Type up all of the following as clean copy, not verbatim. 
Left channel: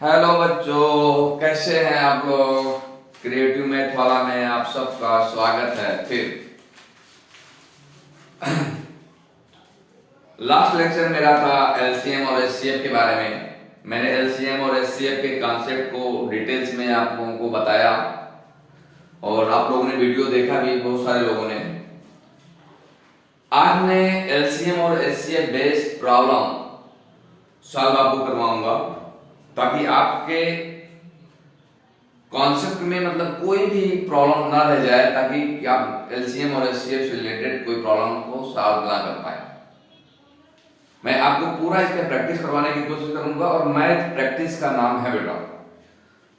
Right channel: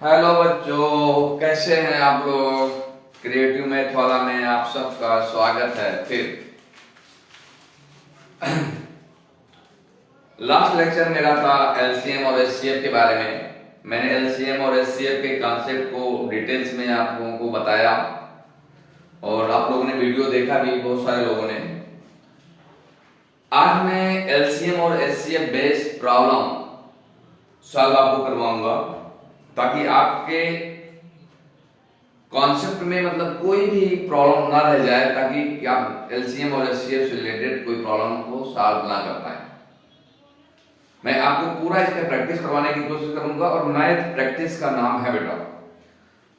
Hello बच्चों, कैसे हैं आप लोग। क्रिएटिव मैथ वाला में आप सबका स्वागत है। फिर लास्ट लेक्चर मेरा था एलसीएम और एचसीएफ के बारे में। मैंने एलसीएम और एचसीएफ के कॉन्सेप्ट को डिटेल्स में आप लोगों को बताया और आप लोगों ने वीडियो देखा भी, बहुत सारे लोगों ने। आज मैं एलसीएम और एचसीएफ बेस्ड प्रॉब्लम सॉल्व आपको करवाऊंगा ताकि आपके कॉन्सेप्ट में मतलब कोई भी प्रॉब्लम ना रह जाए, ताकि आप एलसीएम और एचसीएफ से रिलेटेड कोई प्रॉब्लम को सॉल्व ना कर पाए। मैं आपको पूरा इसका प्रैक्टिस करवाने की कोशिश करूंगा और मैथ प्रैक्टिस का नाम है बेटा।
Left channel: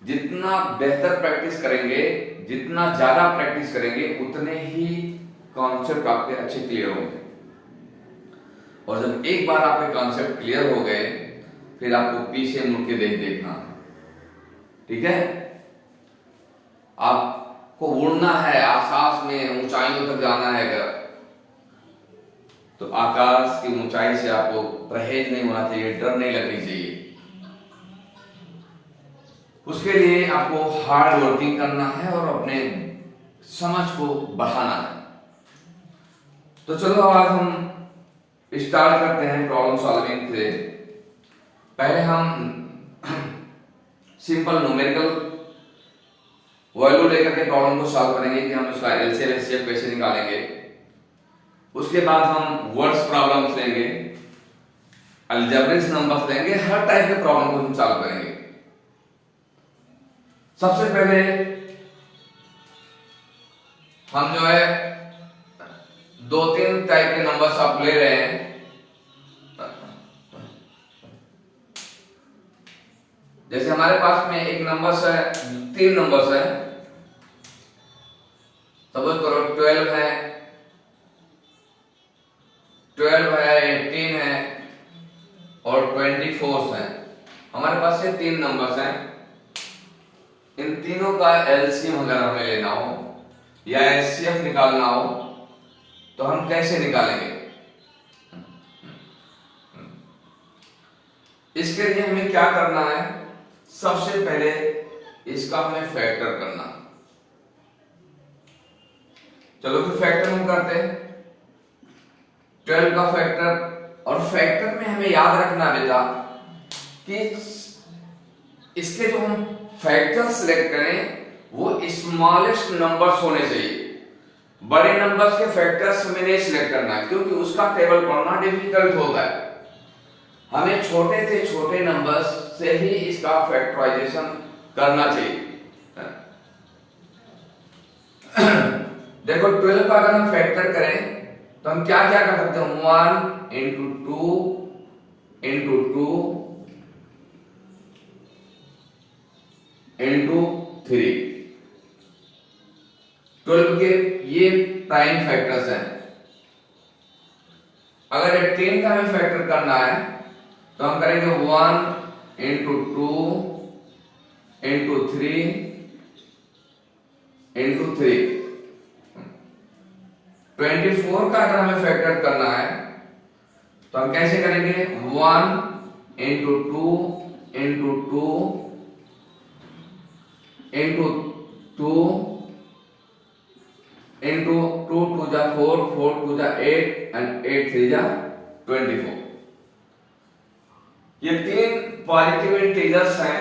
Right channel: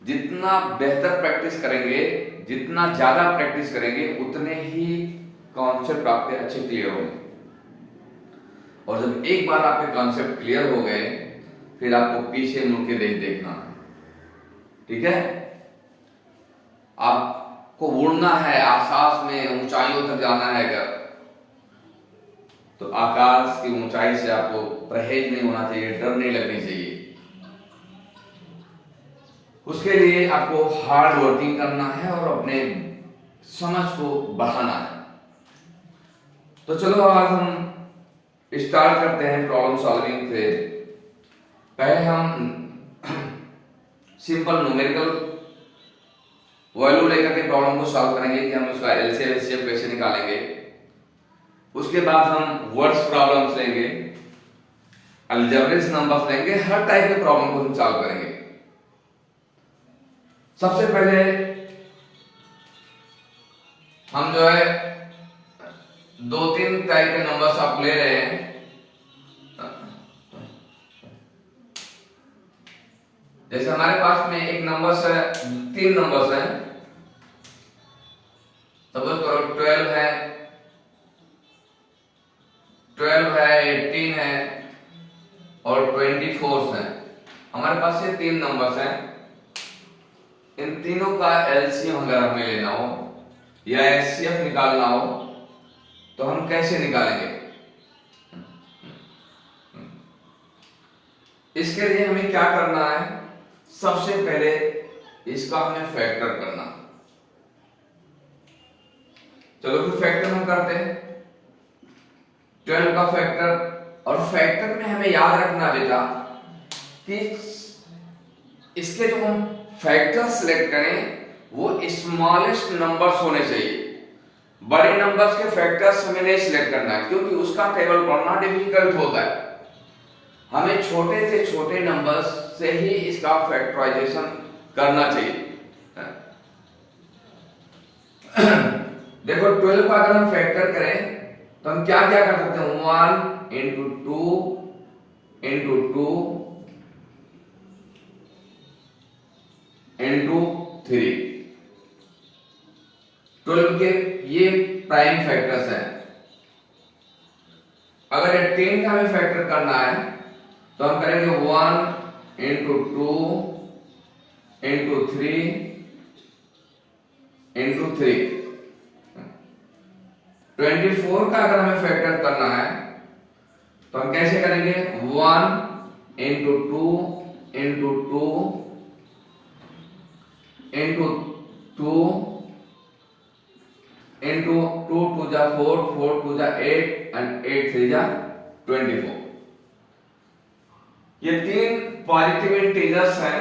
जितना बेहतर प्रैक्टिस करेंगे, जितना ज्यादा प्रैक्टिस करेंगे, उतने ही कॉन्सेप्ट आपके अच्छे क्लियर होंगे। और जब एक बार आपके कॉन्सेप्ट क्लियर हो गए, फिर आपको पीछे मुड़ के देखना है। ठीक है, आपको उड़ना है, आकाश में ऊंचाइयों तक जाना है। अगर तो आकाश की ऊंचाई से आपको परहेज नहीं होना चाहिए, डर नहीं लगनी चाहिए। उसके लिए आपको हार्ड वर्किंग करना है और अपने समझ को बढ़ाना है। तो चलो आज हम स्टार्ट करते हैं प्रॉब्लम सॉल्विंग से। पहले हम सिंपल न्यूमेरिकल वैल्यू लेकर के प्रॉब्लम को सॉल्व करेंगे कि हम उसका एलसीएम एचसीएफ कैसे निकालेंगे। उसके बाद हम वर्ड्स प्रॉब्लम्स लेंगे, अलजेब्रिक नंबर्स लेंगे, हर टाइप के प्रॉब्लम को हम सॉल्व करेंगे। सबसे पहले हम जो है 2-3 टाइप के नंबर्स आप ले रहे हैं। जैसे हमारे पास में एक नंबर्स है, 3 नंबर्स है। सपोज करो 12 है, 18 है और 24 है। हमारे पास ये 3 नंबर्स हैं। इन तीनों का एलसीएम अगर हमें लेना हो या एचसीएफ निकालना हो तो हम कैसे निकालेंगे? इसके लिए हमें क्या करना है? सबसे पहले इसका हमें फैक्टर करना। चलो फिर फैक्टर हम करते हैं। 12 का फैक्टर, और फैक्टर में हमें याद रखना बेटा कि इसके जो हम फैक्टर सिलेक्ट करें वो स्मॉलेस्ट नंबर्स होने चाहिए। बड़े नंबर्स के फैक्टर्स हमें नहीं सिलेक्ट करना है, क्योंकि उसका टेबल पढ़ना डिफिकल्ट होता है। हमें छोटे से छोटे नंबर्स से ही इसका फैक्टराइजेशन करना चाहिए। देखो 12 का अगर हम फैक्टर करें तो हम क्या क्या कर सकते हैं? 1 into 2 into 2 into 3। 12 के ये प्राइम फैक्टर्स हैं। अगर 18 का हमें फैक्टर करना है तो हम करेंगे 1 into 2 into 3 into 3। 24 का अगर हमें फैक्टर करना है तो हम कैसे करेंगे? 1 into 2 into 2 into 2 into 2 2 जा 4, 4 2 जा 8 and 8 3 जा 24। ये 3 पॉजिटिव इंटीजर्स हैं,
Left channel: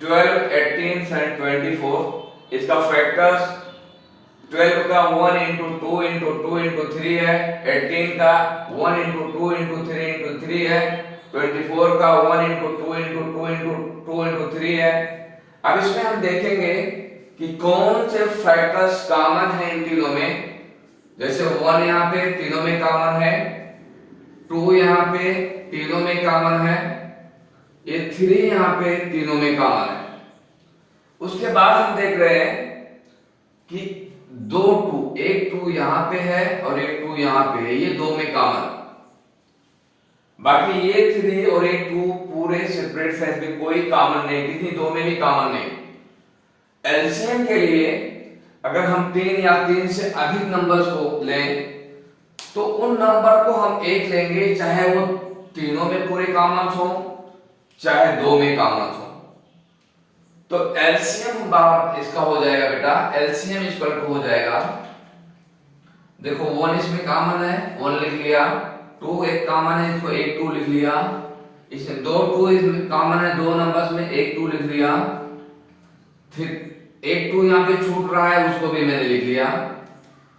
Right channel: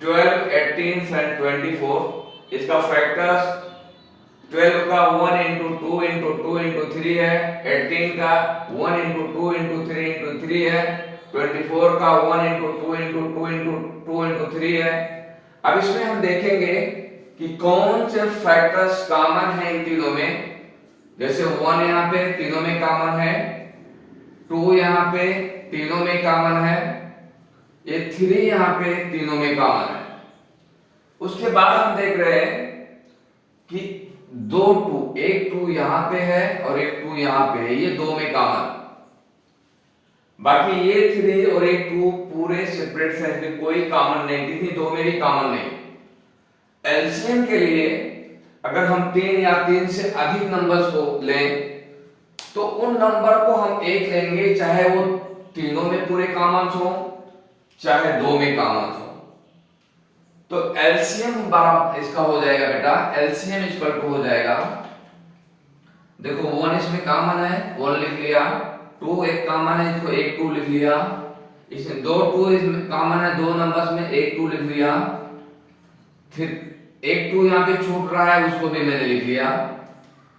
12, 18 and 24। इसका फैक्टर्स 12 का 1 into 2 into 2 into 3 है, 18 का 1 into 2 into 3 into 3 है, 24 का 1 into 2 into 2 into 2 into 3 है। अब इसमें हम देखेंगे कि कौन से फैक्टर्स कॉमन है इन तीनों में। जैसे 1 यहाँ पे तीनों में कॉमन है, 2 यहाँ पे तीनों में कॉमन है, ये 3 यहाँ पे तीनों में कॉमन है। उसके बाद हम देख रहे हैं कि 2 2, एक 2 यहां पे है और एक 2 यहां पे है, ये 2 में कॉमन। बाकी ये 3 और एक 2 पूरे सेपरेट सेट में कोई कॉमन नहीं, किसी 2 में भी कॉमन नहीं। एलसीएम के लिए अगर हम 3 या 3 से अधिक नंबर्स को लें तो उन नंबर को हम एक लेंगे, चाहे वो तीनों में पूरे कॉमन हो चाहे दो में कॉमन हो। तो एलसीएम इसका हो जाएगा बेटा, एलसीएम इक्वल टू हो जाएगा, देखो 1 इसमें कॉमन है 1 लिख लिया, 2 एक कॉमन है इसको एक 2 लिख लिया, इसमें दो 2 इसमें कॉमन है दो नंबर्स में एक 2 लिख लिया, फिर एक 2 यहाँ पे छूट रहा है उसको भी मैंने लिख लिया,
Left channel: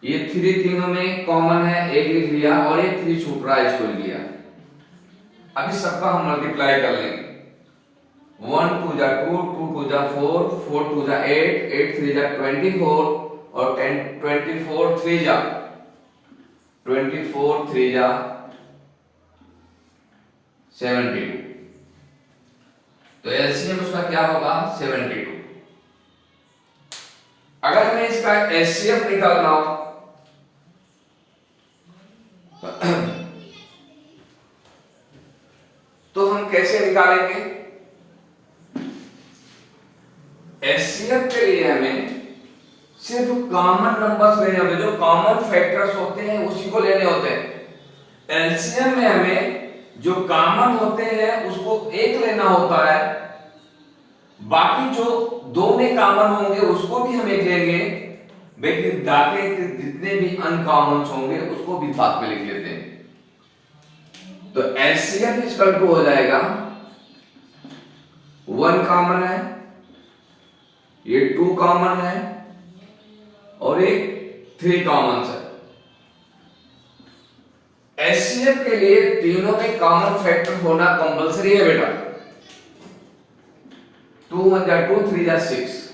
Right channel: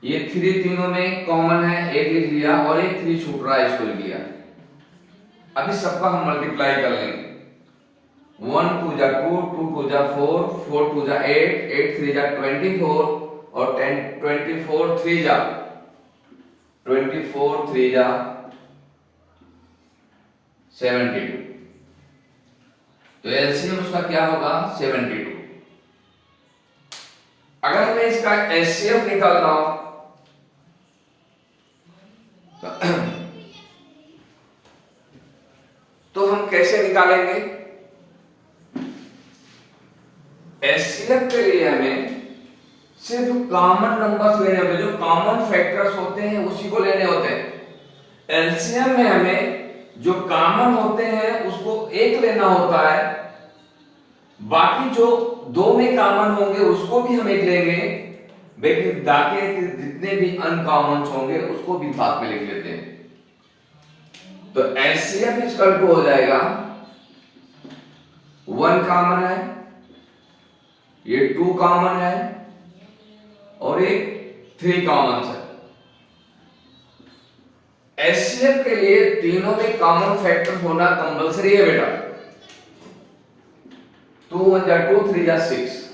ये 3 तीनों में कॉमन है एक लिख लिया और एक 3 छूट रहा है इसको लिख लिया। अभी सबका हम मल्टीप्लाई कर लेंगे, 1 2 जा 2, 2 2 जा 4, 4 2 जा 8, 8 3 जा 24 और 10 24 3 जा 24 3 जा 72। तो एलसीएम उसका क्या होगा 72। अगर हमें इसका एचसीएफ निकालना हो तो हम कैसे निकालेंगे? एचसीएफ के लिए हमें सिर्फ कॉमन नंबर्स लेने होते हैं, जो कॉमन फैक्टर्स होते हैं उसी को लेने होते हैं। एलसीएम में हमें जो कॉमन होते हैं उसको एक लेना होता है, बाकी जो दो में कॉमन होंगे उसको भी हम एक लेंगे, लेकिन बाकी जितने भी अनकॉमन होंगे उसको भी साथ में लिख लेते हैं। तो एचसीएफ इक्वल टू हो जाएगा 1 कॉमन है, ये 2 कॉमन है और एक 3 कॉमन है। एचसीएफ के लिए तीनों में कॉमन फैक्टर होना कंपलसरी है बेटा, 2 1 जा 2 3 जा 6।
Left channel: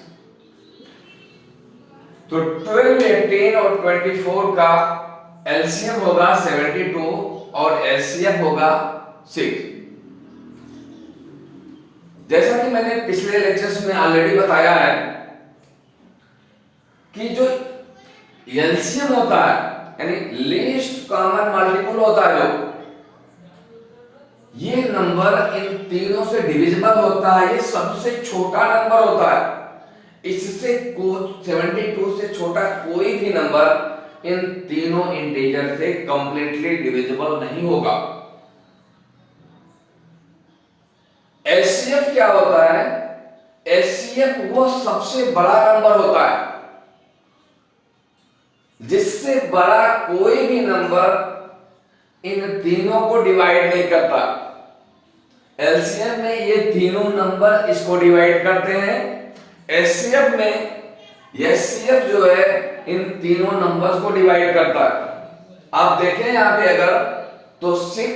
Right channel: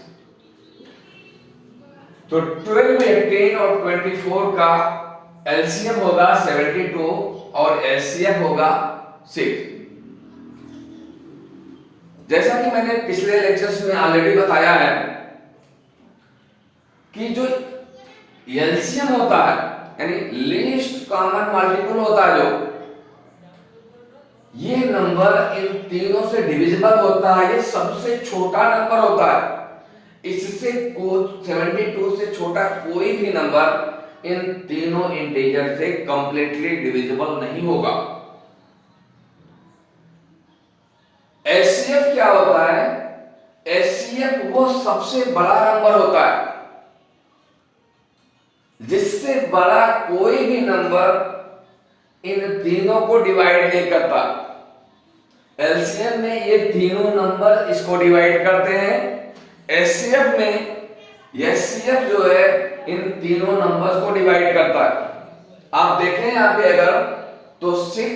तो 12 18 और 24 का एलसीएम होगा 72 और एचसीएफ होगा 6। जैसा कि मैंने पिछले लेक्चर्स में ऑलरेडी बताया है कि जो एलसीएम होता है यानी लीस्ट कॉमन मल्टीपल होता है, जो ये नंबर इन तीनों से डिविजिबल होता है, ये सबसे छोटा नंबर होता है। इससे 72 से छोटा कोई भी नंबर इन तीनों इंटीजर से कंप्लीटली डिविजिबल नहीं होगा। एचसीएफ क्या होता है? एचसीएफ वो सबसे बड़ा नंबर होता है जिससे बड़ा कोई भी नंबर इन तीनों को डिवाइड नहीं करता। एलसीएम में ये तीनों नंबर इसको डिवाइड करते हैं, एचसीएफ में एचसीएफ जो है इन तीनों नंबर्स को डिवाइड करता है। आप देखें यहां पे अगर तो 6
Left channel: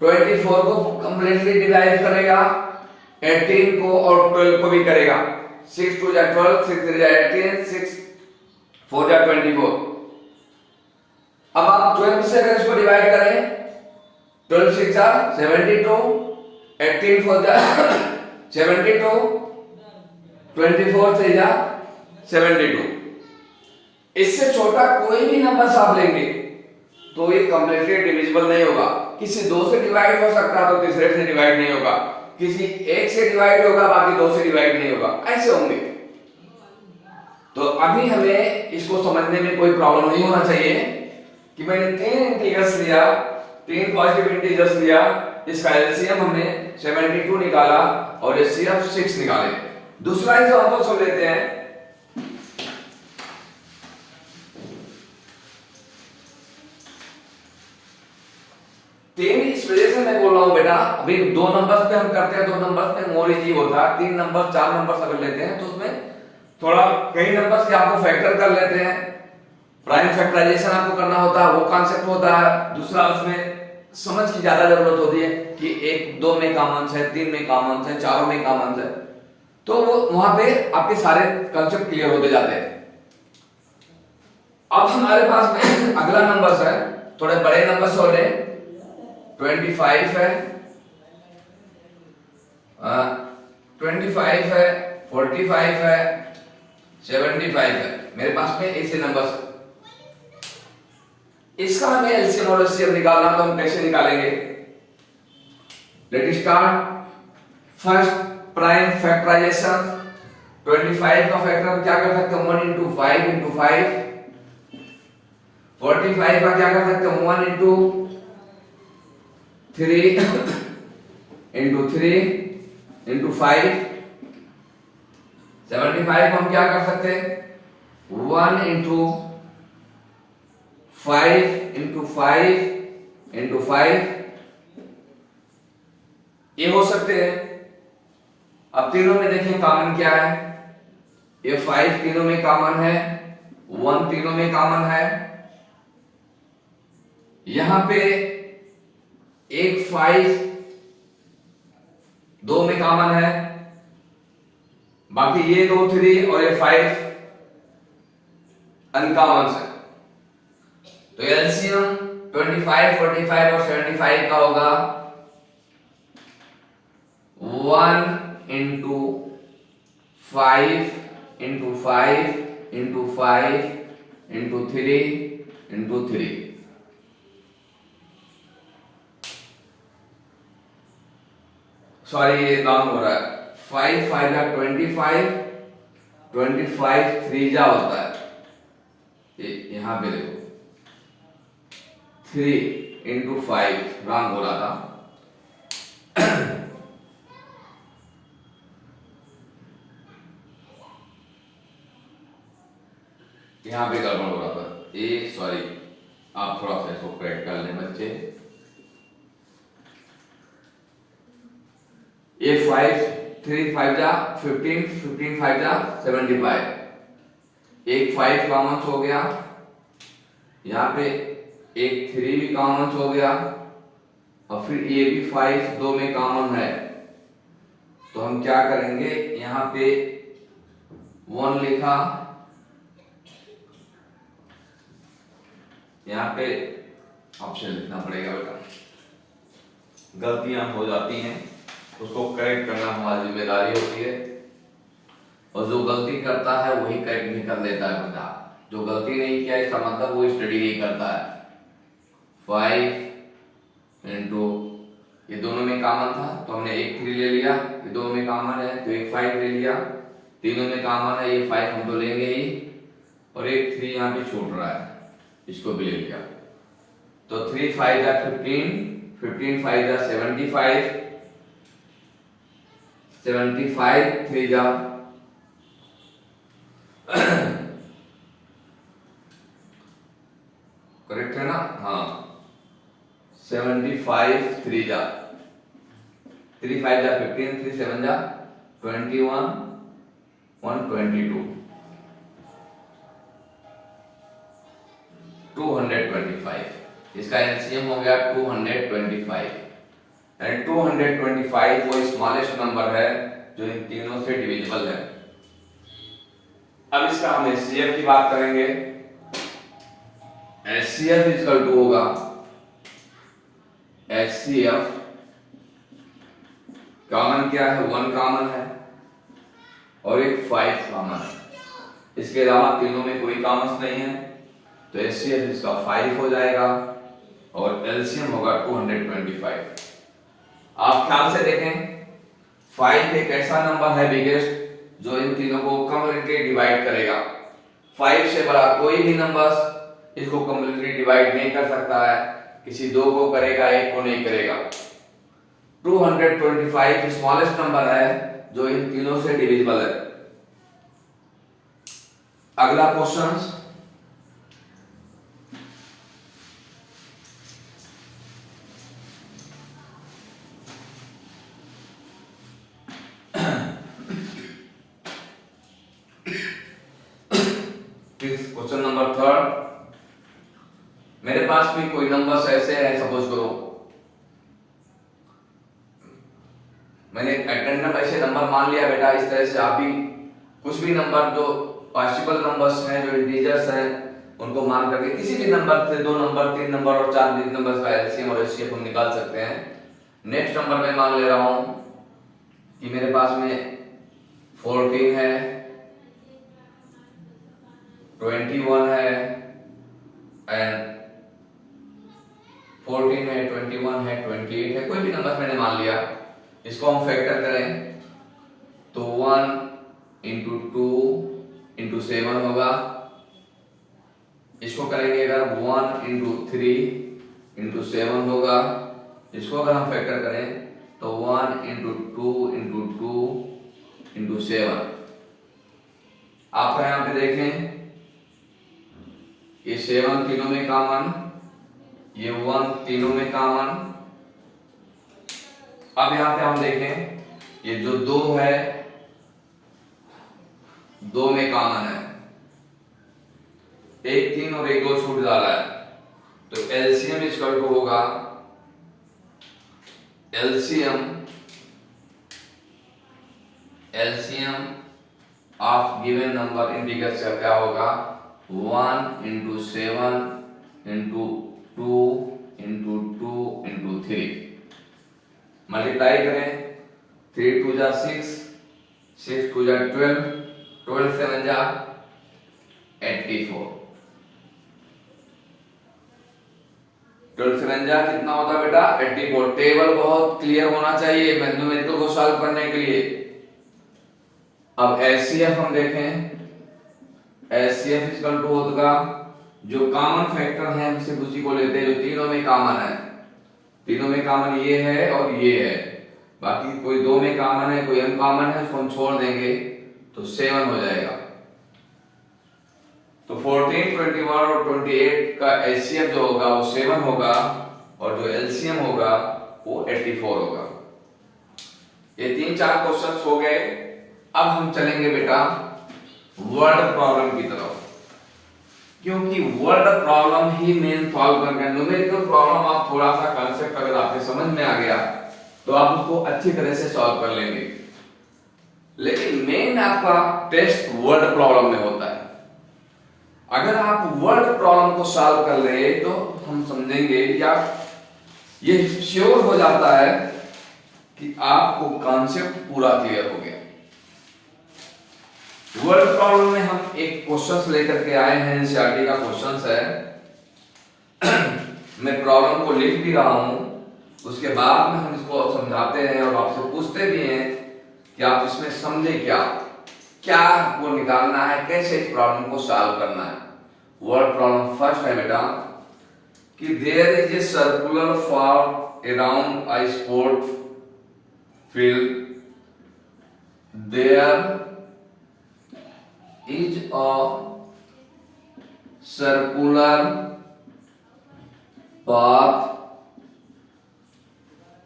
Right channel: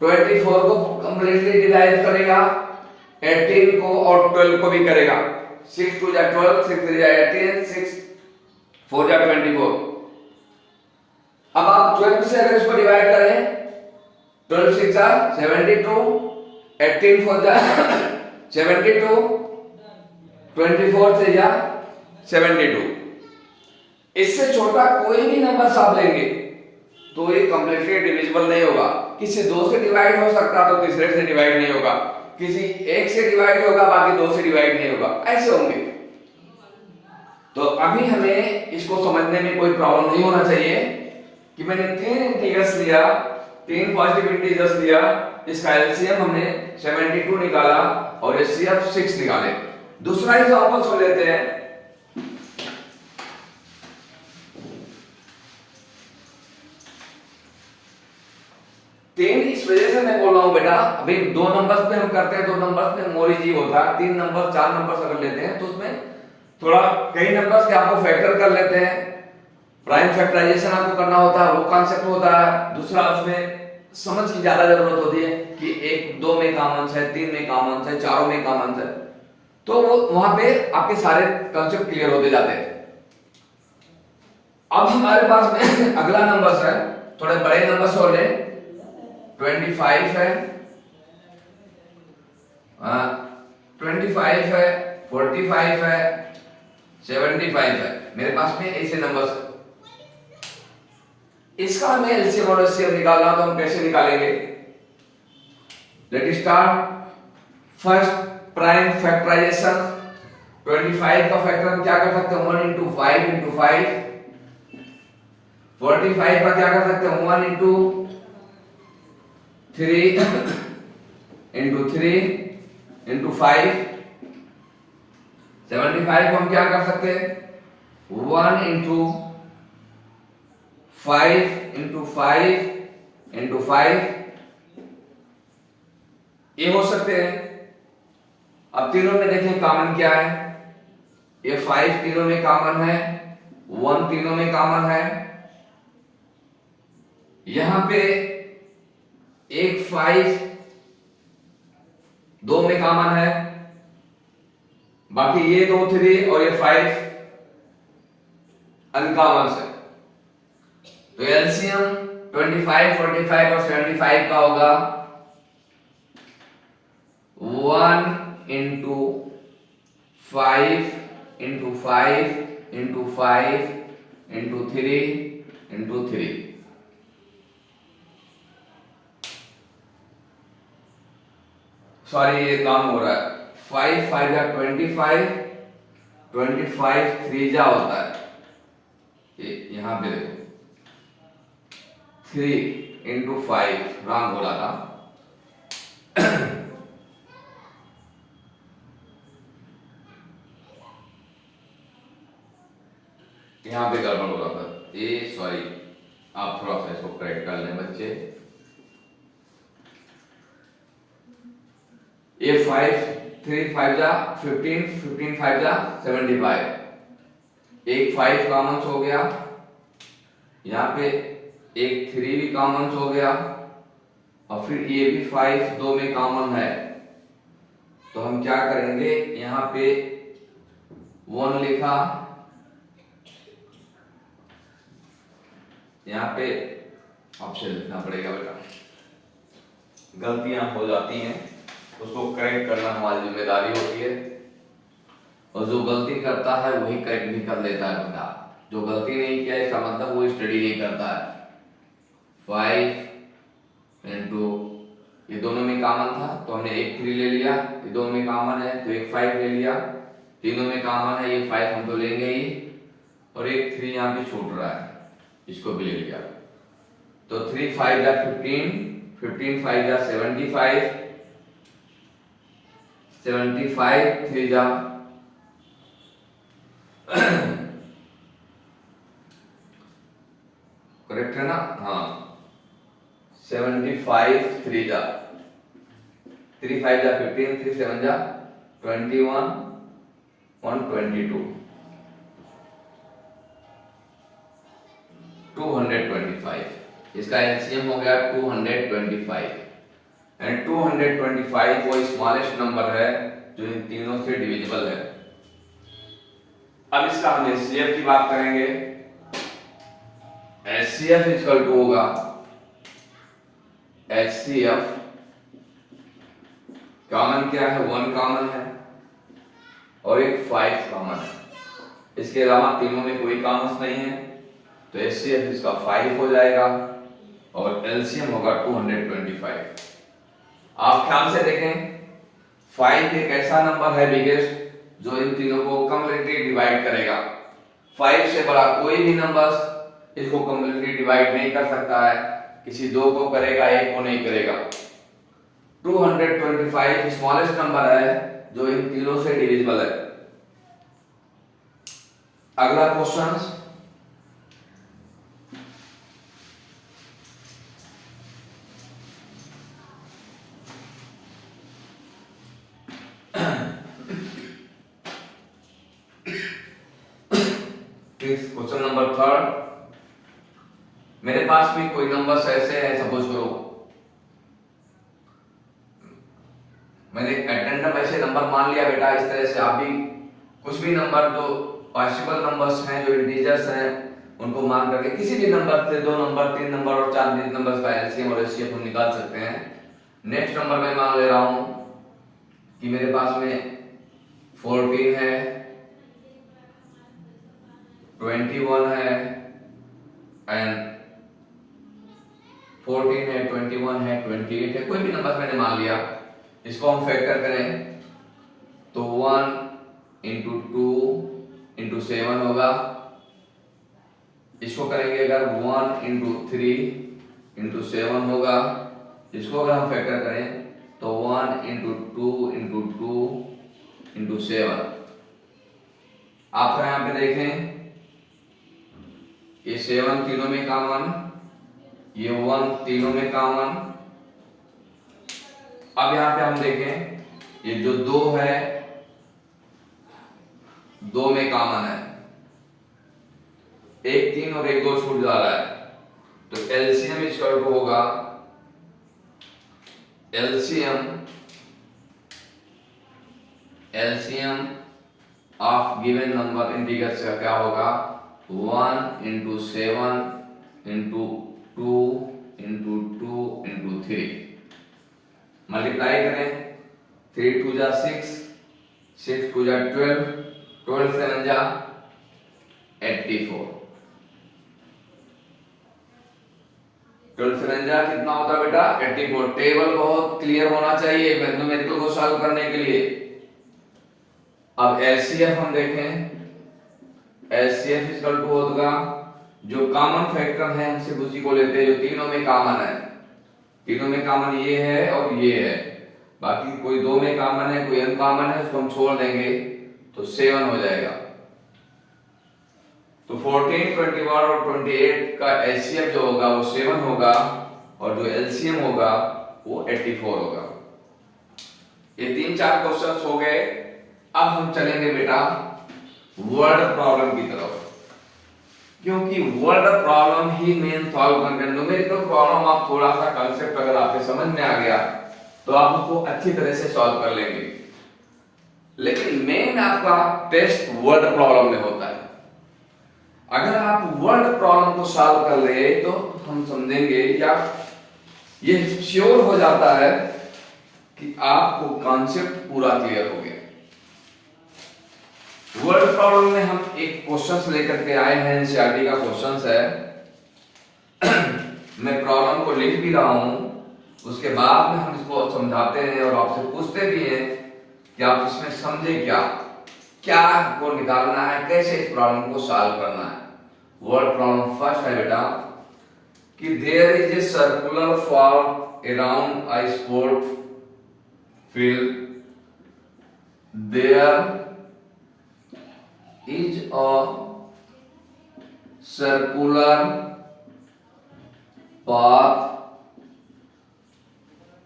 24 को कंप्लीटली डिवाइड करेगा, 18 को और 12 को भी करेगा। 6 2 जा 12, 6 3 जा 18, 6 4 जा 24। अब आप 12 से अगर इसको डिवाइड करें, 12 6 जा 72, 18 4 जा 72, 24 3 जा 72। इससे छोटा कोई भी नंबर आप लेंगे तो ये कंप्लीटली डिविजिबल नहीं होगा। किसी 2 से डिवाइड हो सकता तो तीसरे से डिवाइड नहीं होगा, किसी 1 से डिवाइड होगा बाकी 2 से डिवाइड नहीं होगा, ऐसे होंगे। तो अभी हमें इसको समझने में कोई प्रॉब्लम नहीं होना चाहिए कि मैंने 3 इंटीजर्स लिया, 3 पॉजिटिव इंटीजर्स लिया, इसका एलसीएम हमने 72 निकाला और एचसीएफ 6 निकाले। दूसरा एग्जांपल सुन लेते हैं। तीन इस वजह से मैं बोल रहा हूं बेटा, अभी 2 नंबर्स पे हम करते हैं, 2 नंबर्स पे मोर इजी होता है। 3 नंबर 4 नंबर्स अगर लेते हैं तो उसमें थोड़ा कई नंबर्स के आपको फैक्टर कर लेते हैं, प्राइम फैक्टराइजेशन आपको करना होता है, वो कॉन्सेप्ट होता है। दूसरा उसमें समझ की ज्यादा जरूरत होती है कि 1 2 में कॉमन है, 3 में कॉमन है, 4 में कॉमन है, तो वो वहां पे आपके सारे कॉन्सेप्ट क्लियर होते जाते हैं। अब हमारे पास में अगला नंबर है, थोड़े बड़े नंबर्स हो रहे 25 है, 25 है, 45 है, 75 है। मेरे पास में ऐसे नंबर्स, इसका हमें एलसीएम और एचसीएफ निकालना तो हम कैसे निकालेंगे? Let start. First prime factorization. 25 का फैक्टर हम क्या कर सकते हैं? 1 into 5 into 5। 45 का क्या कर सकते हैं? 1 into 3 इंटू 3 इंटू 5, 75 को हम क्या कर सकते हैं, 1 इंटू 5 इंटू 5 इंटू 5, ये हो सकते हैं। अब तीनों में देखें कॉमन क्या है, ये 5 तीनों में कॉमन है, 1 तीनों में कॉमन है, यहां पे एक 5 दो में कॉमन है, बाकी ये 2 3 और ये 5 अनकॉमन से। तो एलसीएम 25 45 और 75 का होगा 1 into 5 into 5 into 5 into 3 into 3। Sorry ये डाउन हो रहा है, 5 5 जा 25, 25 3 जा होता है, यहां पे देखो 3 इंटू 5 रॉन्ग हो रहा था। यहां पे गड़बड़ हो रहा था, ये सॉरी, आप थोड़ा सा इसको करेक्ट कर लें बच्चे। ये 5 3 5 जा 15, 15 5 जा 75, एक 5 कॉमन हो गया, यहाँ पे एक 3 भी कॉमन हो गया, और फिर ये भी 5 दो में कॉमन है, तो हम क्या करेंगे, यहाँ पे 1 लिखा, यहाँ पे ऑप्शन लिखना पड़ेगा बेटा, गलतियां हो जाती हैं उसको करेक्ट करना हमारी जिम्मेदारी होती है, और जो गलती करता है वही करेक्ट भी कर लेता है बेटा, जो गलती नहीं किया इसका मतलब वो स्टडी नहीं करता है। 5 इंटू, ये दोनों में कॉमन था तो हमने एक 3 ले लिया, ये दोनों में कॉमन है तो एक 5 ले लिया, तीनों में कॉमन है ये 5 हम तो लेंगे ही, और एक 3 यहाँ पे छूट रहा है, इसको भी ले लिया, तो 3 5 जा 15, 15 5 जा 75, 75 3 जा करेक्ट है ना, हाँ 75 3 जा 3 5 जा 15, 3 7 जा 21 122 225, इसका एलसीएम हो गया 225, एंड 225 वो स्मॉलेस्ट नंबर है जो इन तीनों से डिविजिबल है। अब इसका हम एचसीएफ की बात करेंगे, एचसीएफ इक्वल टू होगा, एचसीएफ कॉमन क्या है, 1 कॉमन है और एक 5 कॉमन है, इसके अलावा तीनों में कोई कॉमन नहीं है, तो एचसीएफ इसका 5 हो जाएगा और एलसीएम होगा 225। आप ध्यान से देखें, 5 एक ऐसा नंबर है बिगेस्ट जो इन तीनों को कंप्लीटली डिवाइड करेगा, 5 से बड़ा कोई भी नंबर इसको कंप्लीटली डिवाइड नहीं कर सकता है, किसी दो को करेगा एक को नहीं करेगा। 225 स्मॉलेस्ट नंबर है जो इन तीनों से डिविजिबल है। अगला क्वेश्चन, क्वेश्चन नंबर 3, मेरे पास भी कोई नंबर्स ऐसे हैं, सपोज करो मैंने रैंडम ऐसे नंबर मान लिया बेटा, इस तरह से आप भी कुछ भी नंबर जो पॉसिबल नंबर्स हैं, जो इंटीजर्स हैं, उनको मान करके किसी भी नंबर से 2 नंबर 3 नंबर और 4 डिजिट नंबर्स का एलसीएम और एचसीएफ हम निकाल सकते हैं। नेक्स्ट नंबर मैं मान ले रहा हूं कि मेरे पास में 14 है, 21 है एंड 14 है, 21 है, 28 है, कोई भी नंबर मैंने मान लिया, इसको हम फैक्टर करें तो 1 इंटू 2 इंटू 7 होगा, इसको करेंगे अगर 1 इंटू 3 इंटू 7 होगा, इसको अगर हम फैक्टर करें तो 1 इंटू 2 इंटू 2 इंटू 7। आप यहां पे देखें, ये 7 तीनों में कॉमन, ये 1 तीनों में कॉमन। अब यहां पे हम देखें, ये जो 2 है 2 में कॉमन है, एक 3 और एक 2 छूट जा रहा है, तो एलसीएम इक्वल टू होगा, LCM of given number integer से क्या होगा, 1 into 7 into 2 into 2 into 3। Multiply करें, 3 2 जा 6, 6 2 जा 12, 12 7 जा 84, 12 7 जा कितना होता है बेटा, 84। टेबल बहुत क्लियर होना चाहिए न्यूमेरिकल को सॉल्व करने के लिए। अब एचसीएफ हम देखें, एचसीएफ इक्वल टू होगा, जो कॉमन फैक्टर है हम सिर्फ उसी को लेते हैं जो तीनों में कॉमन है। तीनों में कॉमन ये है और ये है, बाकी कोई 2 में कॉमन है, कोई अनकॉमन है, उसको हम छोड़ देंगे तो 7 हो जाएगा। तो 14 21 और 28 का एचसीएफ जो होगा वो 7 होगा और जो एलसीएम होगा वो 84 होगा। ये 3-4 क्वेश्चंस हो गए। अब हम चलेंगे बेटा वर्ड प्रॉब्लम की तरफ, क्योंकि वर्ड प्रॉब्लम ही मेन सॉल्व करना है। न्यूमेरिकल प्रॉब्लम आप थोड़ा सा कांसेप्ट अगर आपके समझ में आ गया तो आप उसको अच्छी तरह से सॉल्व कर लेंगे, लेकिन मेन आपका टेस्ट वर्ड प्रॉब्लम में होता है। अगर आप वर्ड प्रॉब्लम को सॉल्व कर ले तो हम समझेंगे या ये श्योर हो जाता है कि आपको कॉन्सेप्ट पूरा क्लियर हो गया। वर्ड प्रॉब्लम में हम एक क्वेश्चंस लेकर के आए हैं, एनसीईआरटी का क्वेश्चंस है। मैं प्रॉब्लम को लिख भी रहा हूं, उसके बाद में हम इसको समझाते हैं और आपसे पूछते भी हैं कि आप इसमें समझे क्या क्या आपको निकालना है, कैसे इस प्रॉब्लम को सॉल्व करना है। वर्ड प्रॉब्लम फर्स्ट है बेटा कि there is a circular form around a sport field, there is a circular path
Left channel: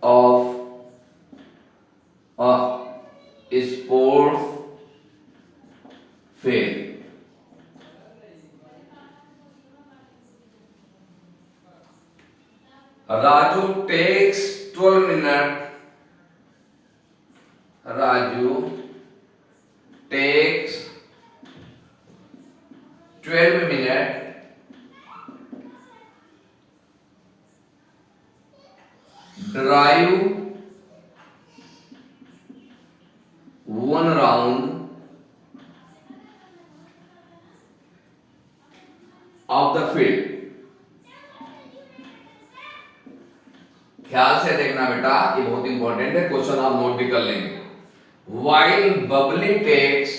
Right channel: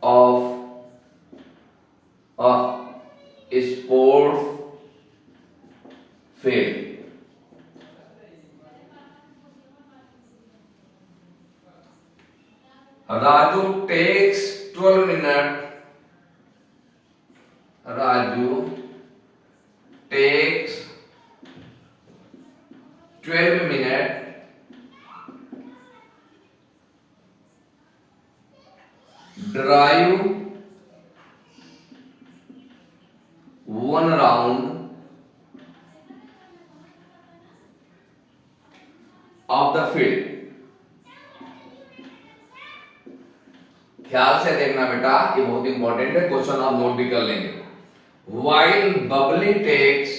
of a sport field. Raju takes 12 minutes. Raju takes 12 minutes drive 1 round of the field। ख्याल से देखना बेटा, ये बहुत important है, क्वेश्चन आप note भी कर लेंगे। While Bubbly takes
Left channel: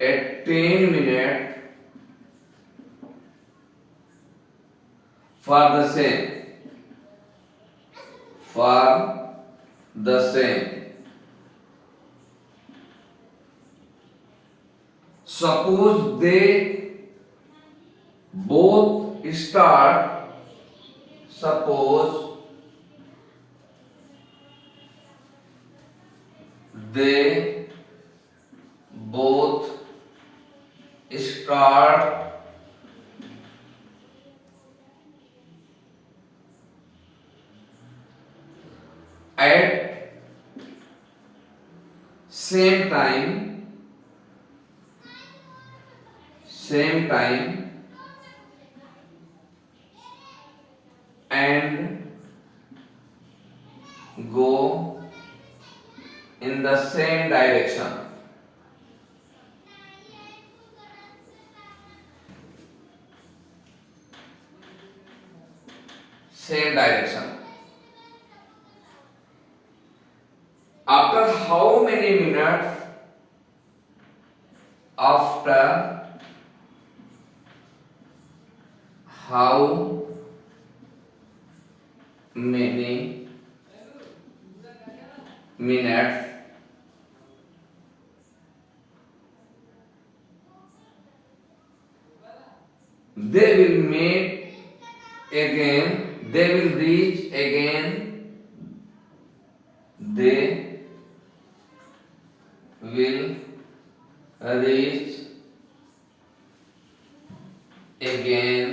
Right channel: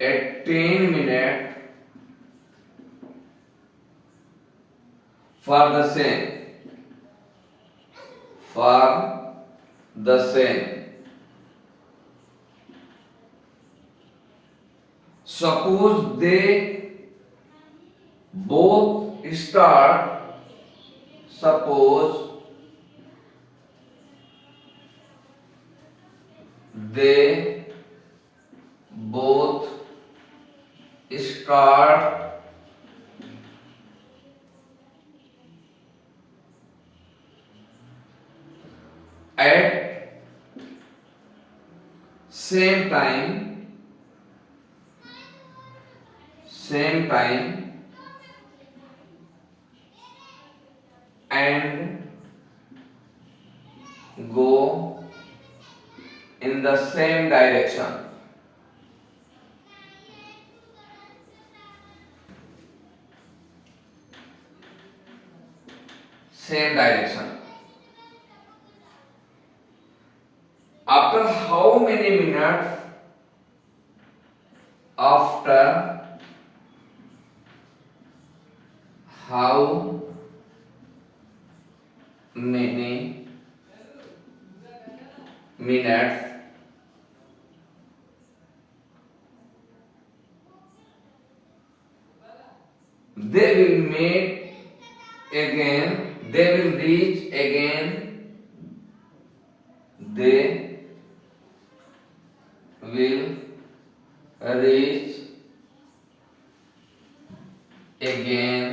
a 10-minute for the same, suppose they both start at same time and go in the same direction। Same direction how many minutes after how many minutes they will meet again, they will reach again, they will reach again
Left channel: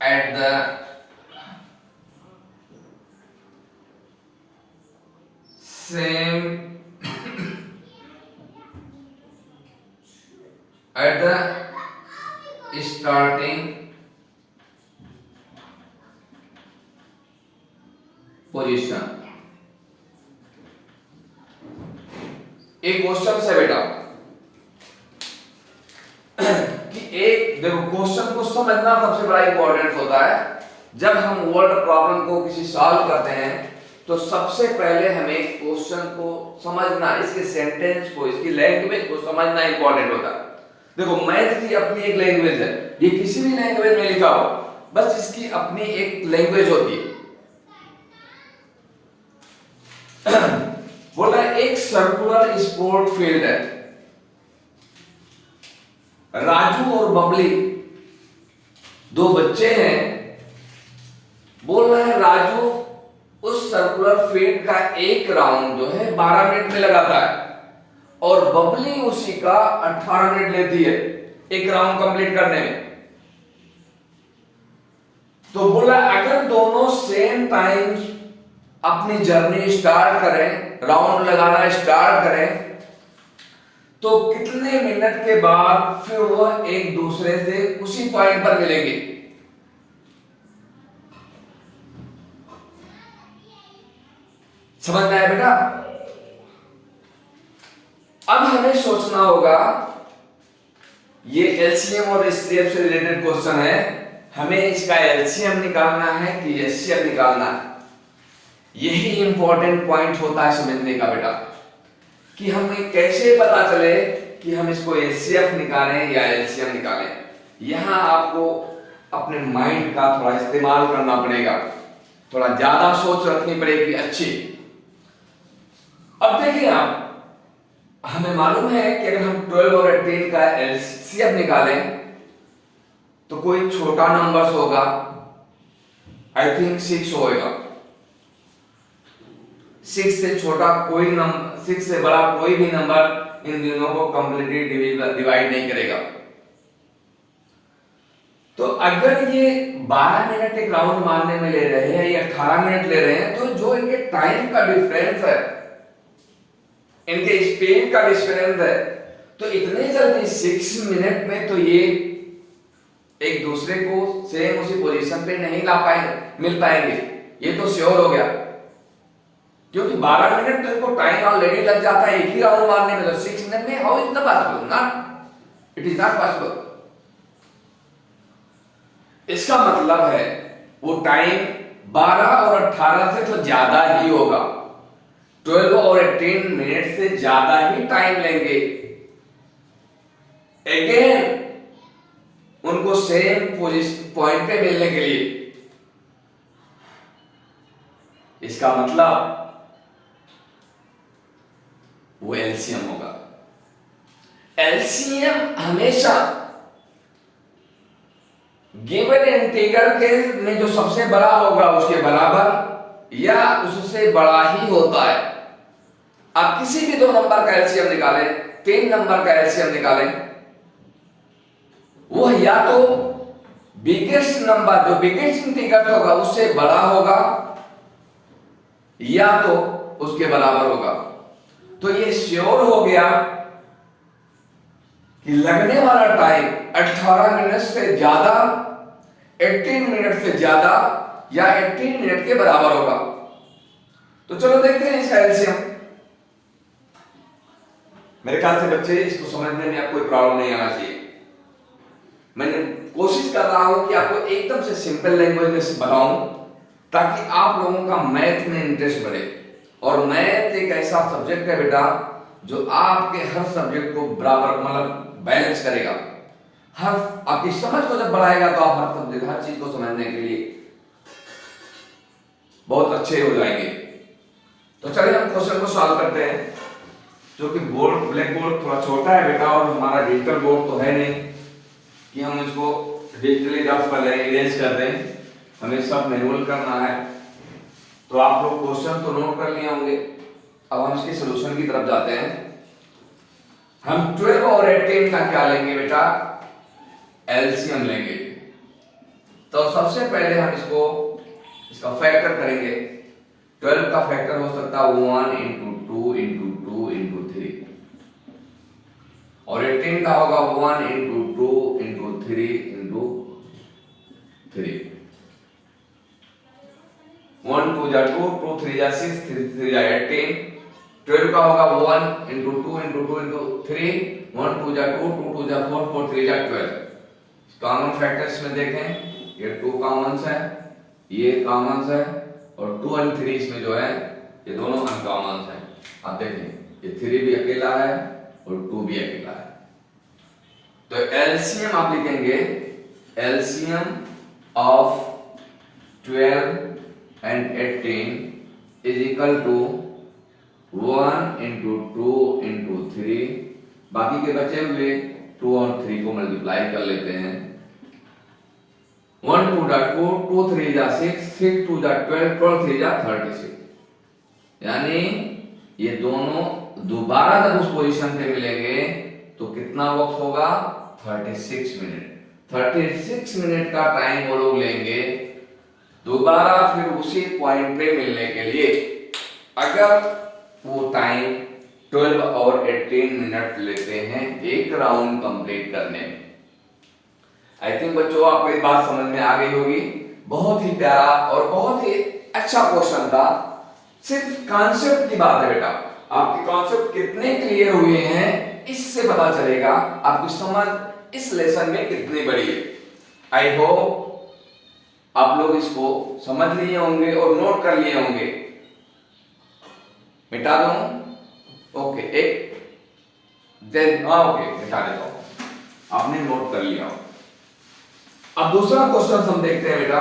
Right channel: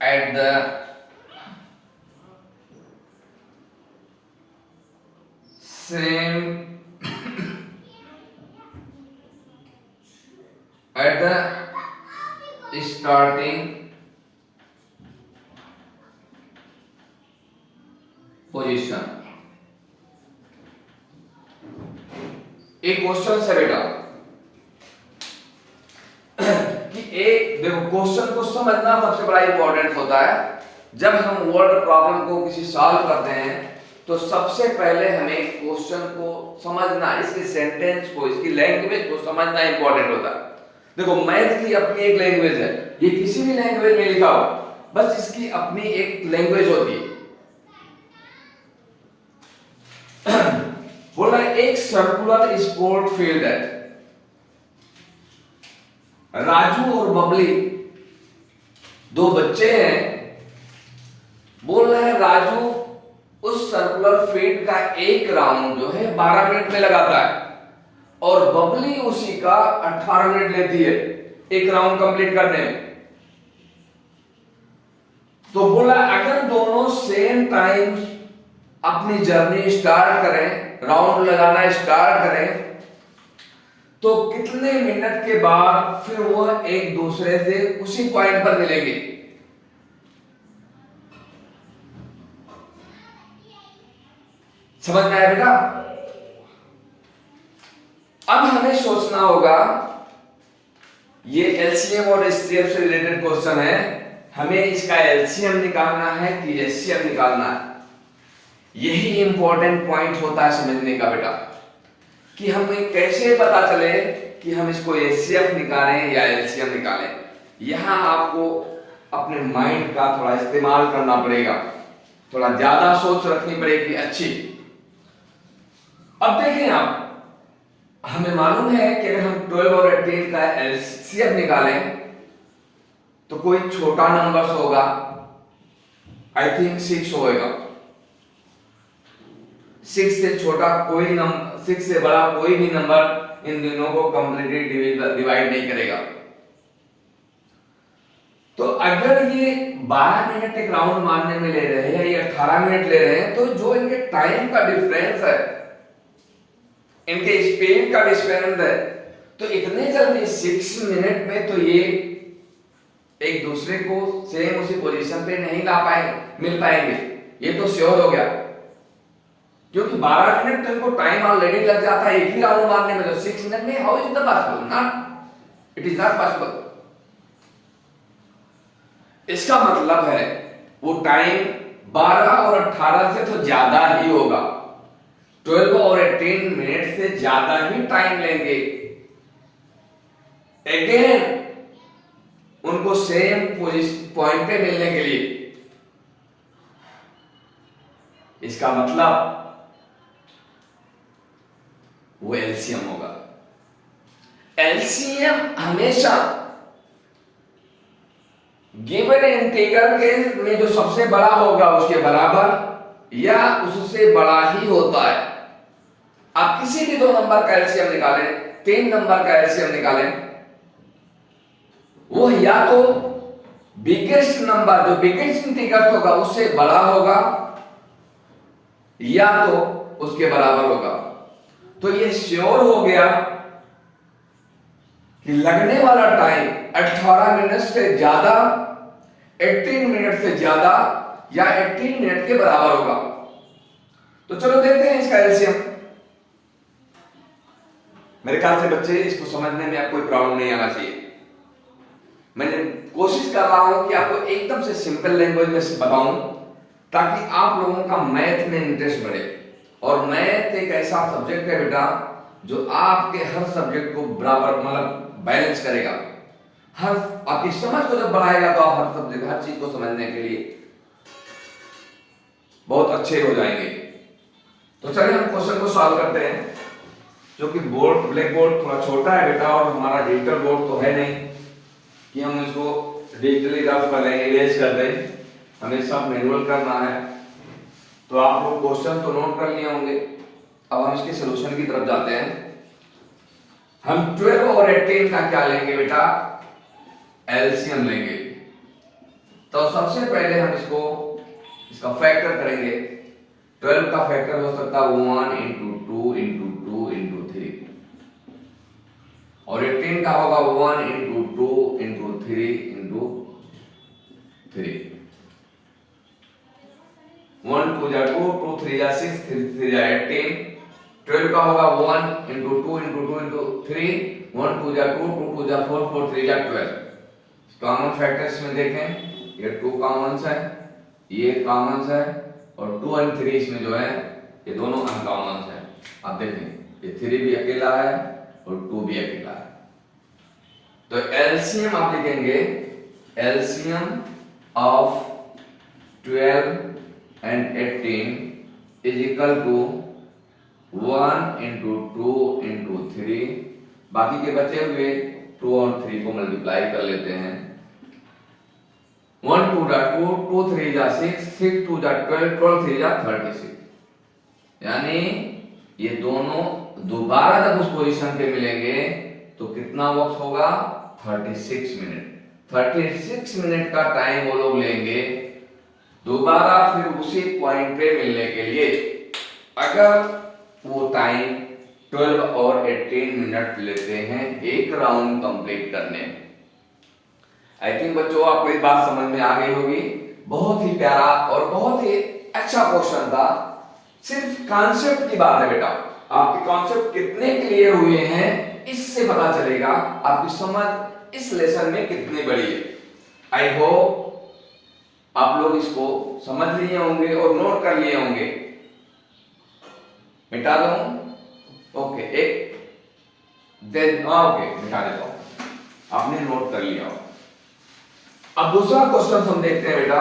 at the same at the starting position। एक question से बेटा कि एक देखो question को समझना सबसे बड़ा इंपॉर्टेंट होता है। जब हम वर्ड प्रॉब्लम को किसी सॉल्व करते हैं तो सबसे पहले हमें क्वेश्चन को समझना, इसके सेंटेंस को, इसकी लैंग्वेज को समझना इंपॉर्टेंट होता है। देखो मैथ की अपनी एक लैंग्वेज है, ये किसी भी लैंग्वेज में लिखा हो, बस इसकी अपनी एक लैंग्वेज होती है। बोला एक सर्कुलर स्पोर्ट फील्ड है, राजू और बबली दो बच्चे हैं। बोल रहे हैं राजू उस सर्कुलर फील्ड का एक राउंड जो है 12 मिनट में लगाता है और बबली उसी का 18 मिनट लेती है एक राउंड कंप्लीट करने में। तो बोला अगर दोनों सेम टाइम अपनी जर्नी स्टार्ट करें, राउंड लगाना स्टार्ट करें, तो कितने मिनट के बाद फिर वह एक दूसरे से उसी पॉइंट पर मिलेंगे। समझ में आया बेटा? अब हमें सोचना होगा, ये एलसीएम और एचसीएफ से रिलेटेड क्वेश्चन है, हमें इसका एलसीएम निकालना है कि एचसीएफ निकालना है। यही इंपॉर्टेंट पॉइंट होता है समझने का बेटा, कि हमें कैसे पता चले कि हम इसको एचसीएफ निकालें या एलसीएम निकालें। यहां आपको अपने माइंड का थोड़ा इस्तेमाल करना पड़ेगा, थोड़ा ज्यादा सोच रखनी पड़ेगी अच्छी। अब देखिए आप, हमें मालूम है कि अगर हम 12 और 18 का एलसीएम निकालें तो कोई छोटा नंबर होगा, आई थिंक 6 होएगा। 6 से छोटा कोई नंबर, 6 से बड़ा कोई भी नंबर इन दोनों को कंप्लीटली डिवाइड नहीं करेगा। तो अगर ये 12 मिनट एक राउंड मारने में ले रहे हैं या 18 मिनट ले रहे हैं, तो जो इनके टाइम का डिफरेंस है, इनके स्पीड का डिफरेंस है, तो इतने जल्दी 6 मिनट में तो ये एक दूसरे को सेम उसी पोजीशन पे नहीं ला पाएंगे, मिल पाएंगे, ये तो श्योर हो गया। क्योंकि 12 मिनट तो इनको टाइम ऑलरेडी लग जाता है एक ही राउंड मारने में, तो 6 मिनट में how is the possible? Not, it is not possible. इसका मतलब है वो टाइम 12 और 18 से तो ज्यादा ही होगा, 12 और 18 मिनट से ज्यादा ही टाइम लेंगे अगेन उनको सेम पॉइंट पे मिलने के लिए। इसका मतलब वो एलसीएम होगा। एलसीएम हमेशा गिवन इंटीग्रल के में जो सबसे बड़ा होगा उसके बराबर या उससे बड़ा ही होता है। आप किसी भी दो नंबर का एलसीएम निकालें, 3 नंबर का एलसीएम निकालें, वो या तो बिगेस्ट नंबर जो बिगेस्ट इंटीग्रल होगा उससे बड़ा होगा या तो उसके बराबर होगा। तो ये श्योर हो गया कि लगने वाला टाइम 18 मिनट से ज्यादा, 18 मिनट से ज्यादा या 18 मिनट के बराबर होगा। तो चलो देखते हैं इसका एलसीएम। मेरे ख्याल से बच्चे इसको समझने में आपको कोई प्रॉब्लम नहीं आना चाहिए। मैंने कोशिश कर रहा हूं कि आपको एकदम से सिंपल लैंग्वेज में बताऊं ताकि आप लोगों का मैथ में इंटरेस्ट बढ़े। और मैथ एक ऐसा सब्जेक्ट है बेटा जो आपके हर सब्जेक्ट को बराबर मतलब बैलेंस करेगा। हर आपकी समझ को जब बढ़ाएगा तो आप हर सब्जेक्ट हर चीज को समझने के लिए बहुत अच्छे हो जाएंगे। तो चलिए हम क्वेश्चन को सॉल्व करते हैं। जो कि बोर्ड ब्लैक बोर्ड थोड़ा छोटा है बेटा और हमारा डिजिटल बोर्ड तो है नहीं कि हम इसको डिजिटली रफ कर दें, इरेज कर दें, हमें सब मैनुअल करना है। तो आप लोग क्वेश्चन तो नोट कर लिए होंगे। अब हम इसके सॉल्यूशन की तरफ जाते हैं। हम 12 और 18 का क्या लेंगे बेटा, एलसीएम लेंगे। तो सबसे पहले हम इसका फैक्टर करेंगे। 12 का फैक्टर हो सकता है 1 इंटू 2 इंटू 2 इंटू 3 और 18 का होगा 1 इंटू 2 इंटू 3 इंटू 3। 1 2 जा 2, 2 3 जा 6, 3 3 जा 18। 12 का होगा 1 इंटू 2 इंटू 2 इंटू 3, 1 2 जा 2, 2 2 जा 4, 4 3 जा 12। कॉमन फैक्टर्स में देखें, ये 2 कॉमन्स है, ये कॉमन्स है और 2 और 3 इसमें जो है ये दोनों अनकॉमन्स है। आप देखें ये 3 भी अकेला है और 2 भी अकेला है। तो एलसीएम आप लिखेंगे, LCM of 12 and 18 is equal to 1 into 2 into 3, बाकी के बचे हुए 2 और 3 को मल्टीप्लाई कर लेते हैं। 1 2 जा 2, 2 3 जा 6, 6 2 जा 12, 12 3 जा 36। यानी ये दोनों दोबारा जब उस पोजीशन पे मिलेंगे तो कितना वक्त होगा, 36 मिनट। 36 मिनट का टाइम वो लोग लेंगे दोबारा फिर उसी पॉइंट पे मिलने के लिए। अगर वो टाइम 12 और 18 मिनट लेते हैं एक राउंड कंप्लीट करने में। आई थिंक बच्चों आपको ये बात समझ में आ गई होगी। बहुत ही प्यारा और बहुत ही अच्छा क्वेश्चन था। सिर्फ कॉन्सेप्ट की बात है बेटा, आपके कॉन्सेप्ट कितने क्लियर हुए हैं इससे पता चलेगा आपकी समझ इस लेसन में कितनी बड़ी है। आई होप आप लोग इसको समझ लिए होंगे और नोट कर लिए होंगे। मिटा दो, ओके, एक देन ओके मिटा देता हूं, आपने नोट कर लिया हो। अब दूसरा क्वेश्चन हम देखते हैं बेटा।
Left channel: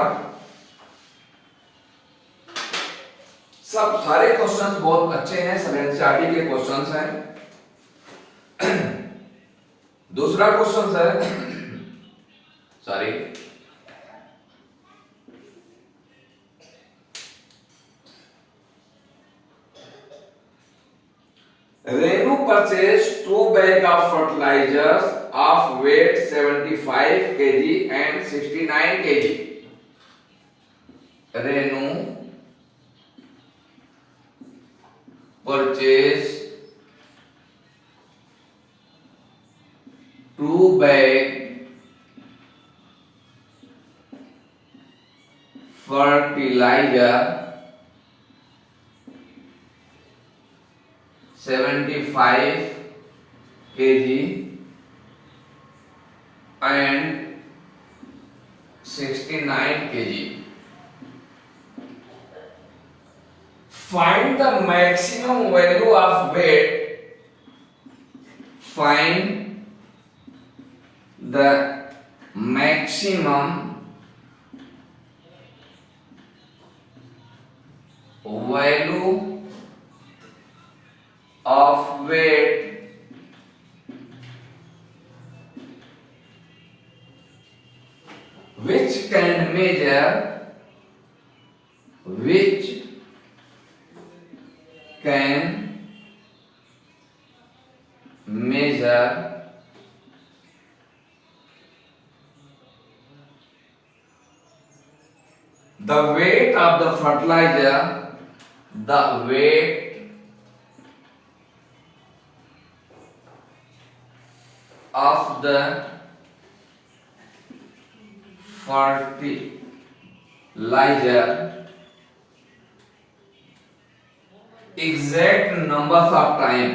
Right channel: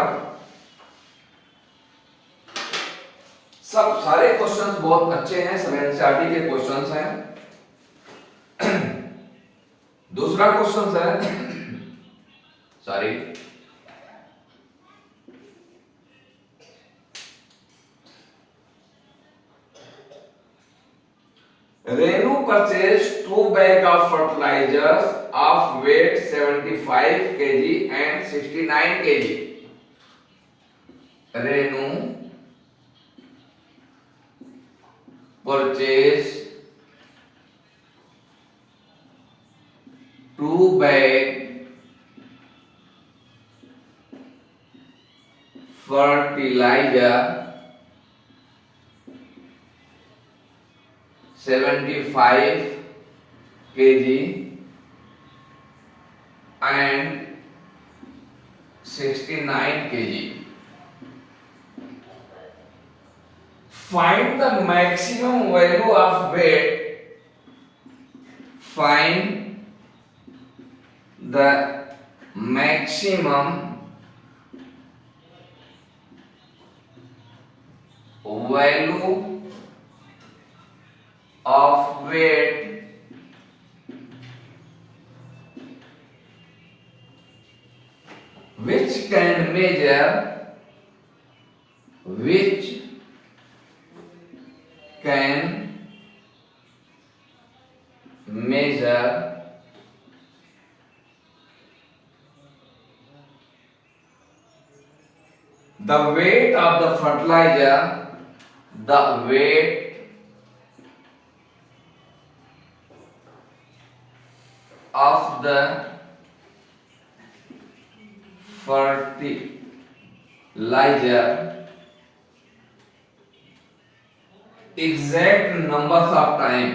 सब सारे क्वेश्चंस बहुत अच्छे हैं, सब एनसीईआरटी के क्वेश्चंस हैं। दूसरा क्वेश्चन है sorry Renu purchased 2 bags of fertilizers of weight 75 kg and 69 kg. Renu purchased 2 bags fertilizer 75 kg and 69 kg. Find the maximum value of weight. Find the maximum value of weight which can measure the weight of the fertilizer, the weight of the fertilizer, exact numbers of time,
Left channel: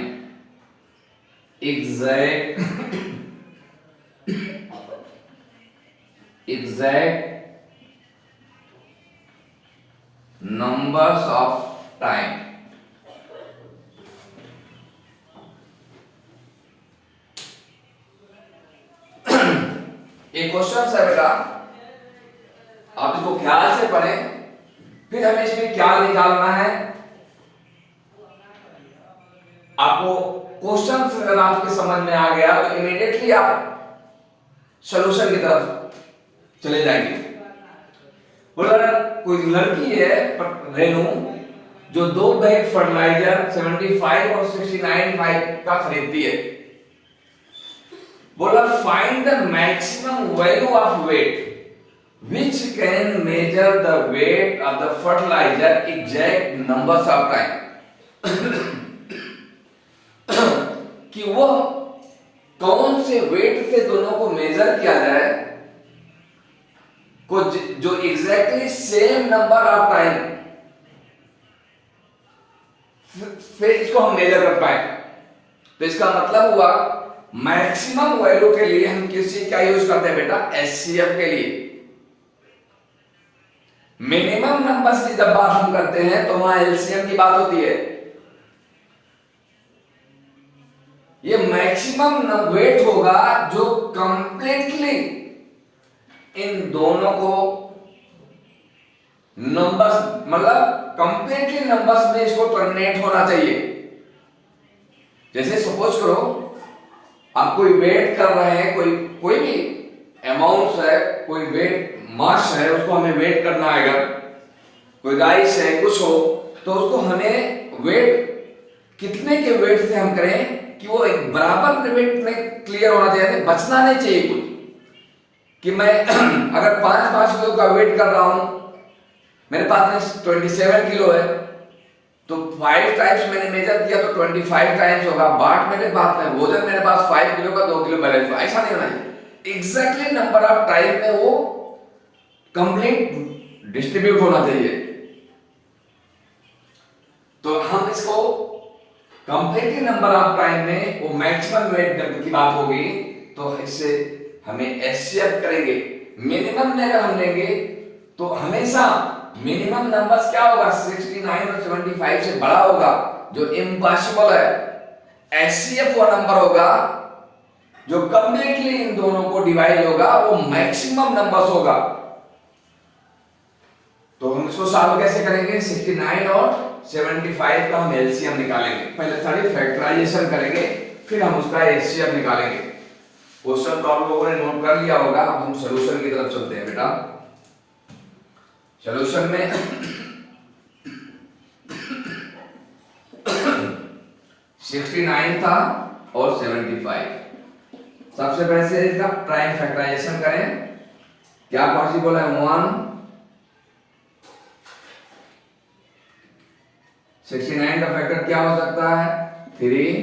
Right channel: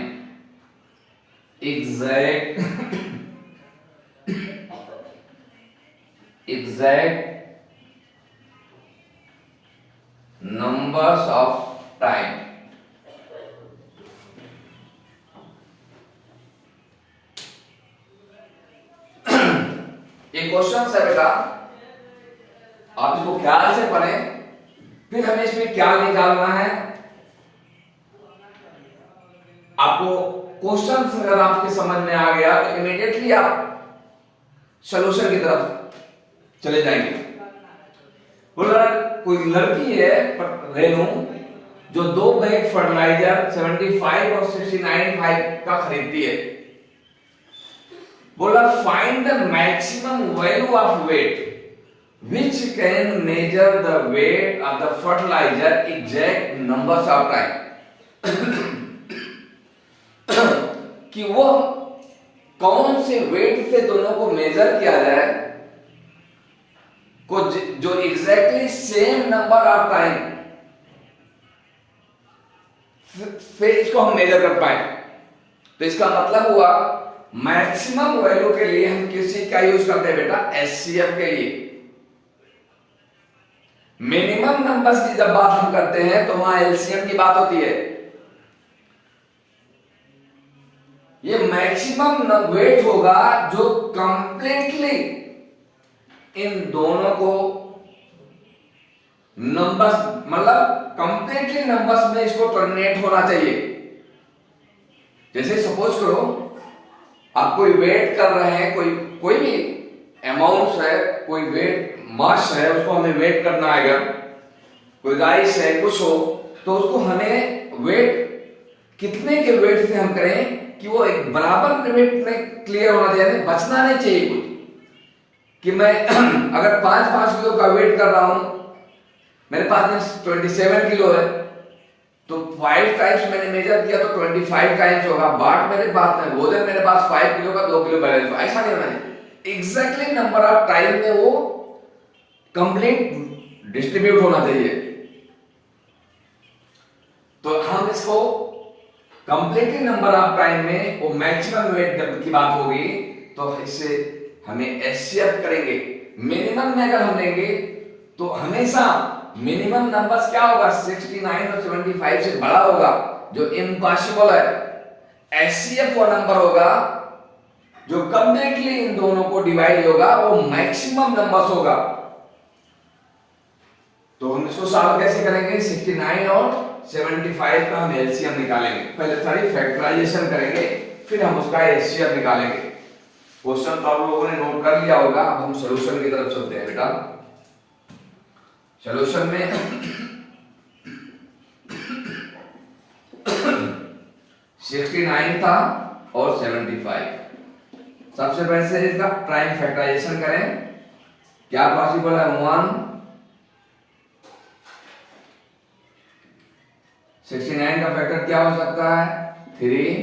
exact numbers of time question है बेटा, आप इसको ख्याल से पढ़ें, फिर हमें इसमें क्या निकालना है। आपको क्वेश्चन अगर आपके समझ में आ गया तो इमीडिएटली आप सॉल्यूशन की तरफ चले जाएंगे। बोला कोई लड़की है रेनू जो 2 बैग फर्टिलाइजर 75 और 69.5 का खरीदती है। बोला find the maximum value of weight which can measure the weight of the fertilizer exact numbers of time कि वो कौन से वेट से दोनों को मेजर किया जाए को जो exactly same number of time से इसको हम मेजर कर पाए। तो इसका मतलब हुआ मैक्सिमम वैल्यू के लिए हम किस चीज का यूज करते हैं बेटा, एचसीएफ के लिए। मिनिमम नंबर्स की जब बात हम करते हैं तो वहां एलसीएम की बात होती है। ये मैक्सिमम वेट होगा जो कंप्लीटली इन दोनों को नंबर्स मतलब कंप्लीटली नंबर्स में इसको टर्मिनेट होना चाहिए। जैसे सपोज करो आप कोई वेट कर रहे हैं, कोई भी अमाउंट है, कोई वेट मास है, उसको हमें वेट करना है। अगर कोई राइस है कुछ हो तो उसको हमें वेट कितने के वेट से हम करें कि वो एक बराबर वेट में क्लियर होना चाहिए, बचना नहीं चाहिए कुछ। कि मैं अगर 5-5 किलो का वेट कर रहा हूं, मेरे पास में 27 किलो है तो 5 टाइम्स मैंने मेजर किया तो 25 टाइम्स होगा। बाट मेरे पास में वजन मेरे पास 5 किलो का 2 किलो बैलेंस, ऐसा नहीं होना है। एग्जैक्टली नंबर ऑफ टाइम में वो कंप्लीट डिस्ट्रीब्यूट होना चाहिए। तो हम इसको कंप्लीटली नंबर ऑफ टाइम में वो मैक्सिमम वेट की बात होगी तो इससे हमें एचसीएफ करेंगे। मिनिमम में अगर हम लेंगे तो हमेशा मिनिमम नंबर्स क्या होगा, 69 और 75 से बड़ा होगा, जो इम्पॉसिबल है। एचसीएफ वो नंबर होगा जो कंप्लीटली इन दोनों को डिवाइड होगा, वो मैक्सिमम नंबर्स होगा। तो हम इसको सॉल्व कैसे करेंगे, 69 और 75 का हम एलसीएम निकालेंगे। पहले सारी फैक्टराइजेशन करेंगे, फिर हम उसका एचसीएफ निकालेंगे। क्वेश्चन तो आप लोगों ने नोट कर लिया होगा। अब हम सॉल्यूशन की तरफ चलते हैं बेटा। सॉल्यूशन में 69 था और 75। सबसे पहले से इसका प्राइम फैक्टराइजेशन करें। क्या पॉसिबल है, 1 69 का फैक्टर क्या हो सकता है, 3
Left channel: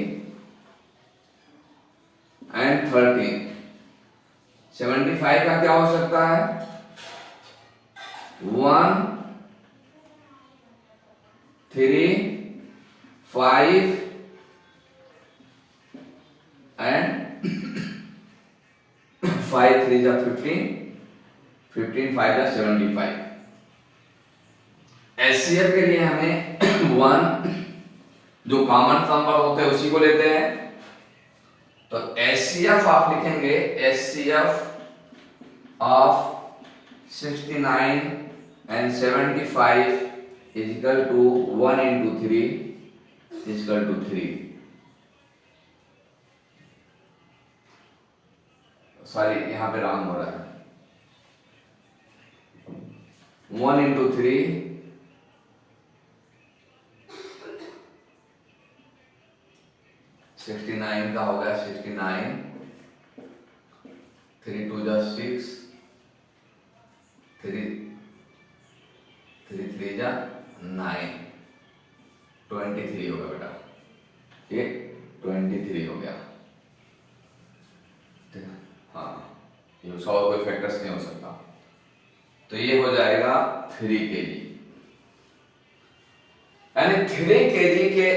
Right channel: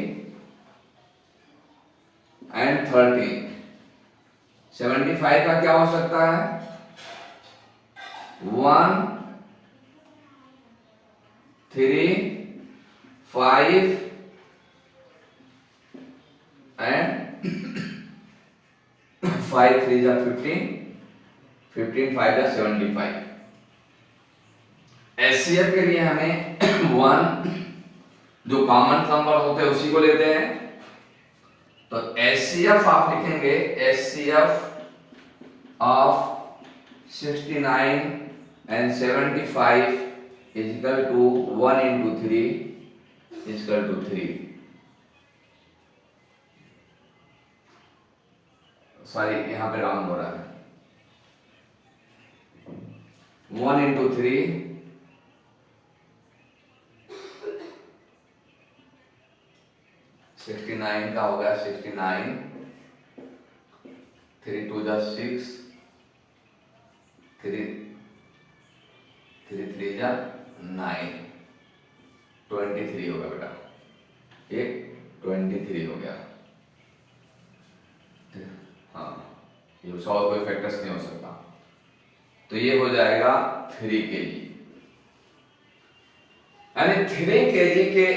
एंड 13। 75 का क्या हो सकता है, 1 3 5 एंड 5 3 जा 15 15 5 जा 75। एचसीएफ के लिए हमें 1 जो कॉमन नंबर होते हैं उसी को लेते हैं। तो एचसीएफ आप लिखेंगे, HCF of 69 and 75 is equal to 1 into 3 is equal to 3। Sorry यहां पे रॉन्ग हो रहा है, 1 into 3 69 का हो गया 69, 3 2 जा 6, 3 3 जा 9, 23 हो गया बेटा, ये 23 हो गया। ठीक है, हाँ ये 100 कोई फैक्टर्स नहीं हो सकता। तो ये हो जाएगा 3 kg, यानी 3 kg के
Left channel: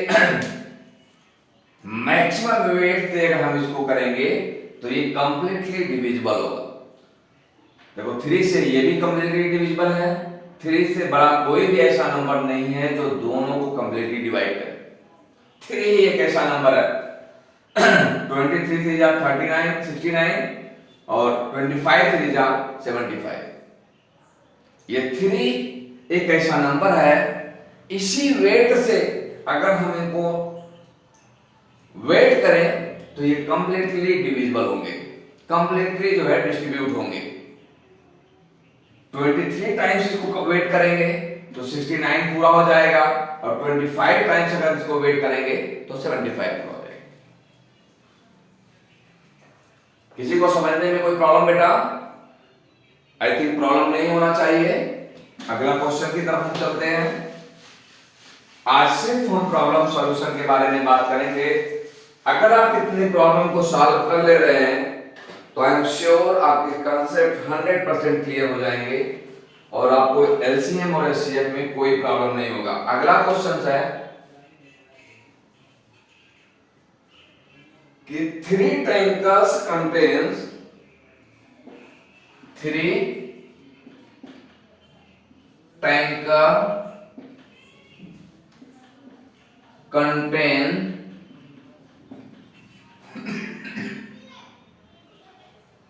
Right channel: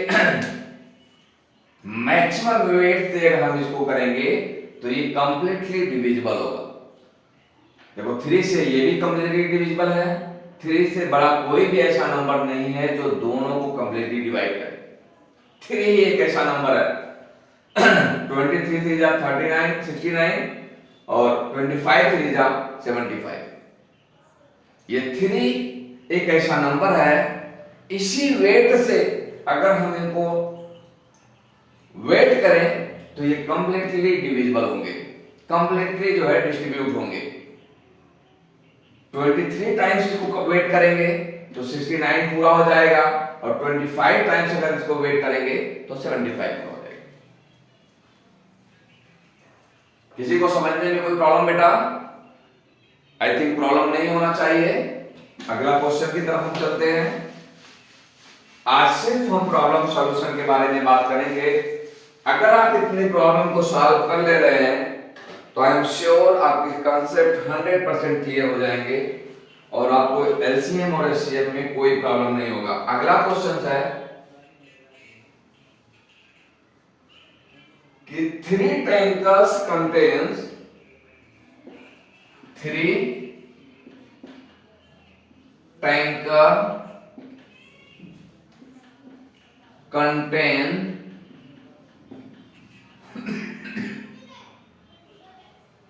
मैक्सिमम वेट से अगर हम इसको करेंगे तो ये कंप्लीटली डिविजिबल होगा। देखो 3 से ये भी कंप्लीटली डिविजिबल है, 3 से बड़ा कोई भी ऐसा नंबर नहीं है जो दोनों को कंप्लीटली डिवाइड करे। 3 एक ऐसा नंबर है 23 3 जा 39 69 और 25 3 जा 75। ये 3 एक ऐसा नंबर है, इसी वेट से अगर हम इनको वेट करें तो ये कंप्लीटली डिविजिबल होंगे, कंप्लीटली जो है डिस्ट्रीब्यूट होंगे। 23 टाइम्स इसको वेट करेंगे तो 69 पूरा हो जाएगा, और 25 टाइम्स अगर इसको वेट करेंगे तो 75 पूरा हो जाएगा। किसी को समझने में कोई प्रॉब्लम बेटा? आई थिंक प्रॉब्लम नहीं होना चाहिए। अगला क्वेश्चन की तरफ हम चलते हैं। आज सिर्फ हम प्रॉब्लम सॉल्यूशन के बारे में बात करेंगे। अगर आप इतनी प्रॉब्लम को सॉल्व कर ले रहे हैं तो आई एम श्योर आपके कंसेप्ट 100% क्लियर हो जाएंगे और आपको एलसीएम और एचसीएफ में कोई प्रॉब्लम नहीं होगा। अगला क्वेश्चन है कि 3 tankers contains 3 tanker contain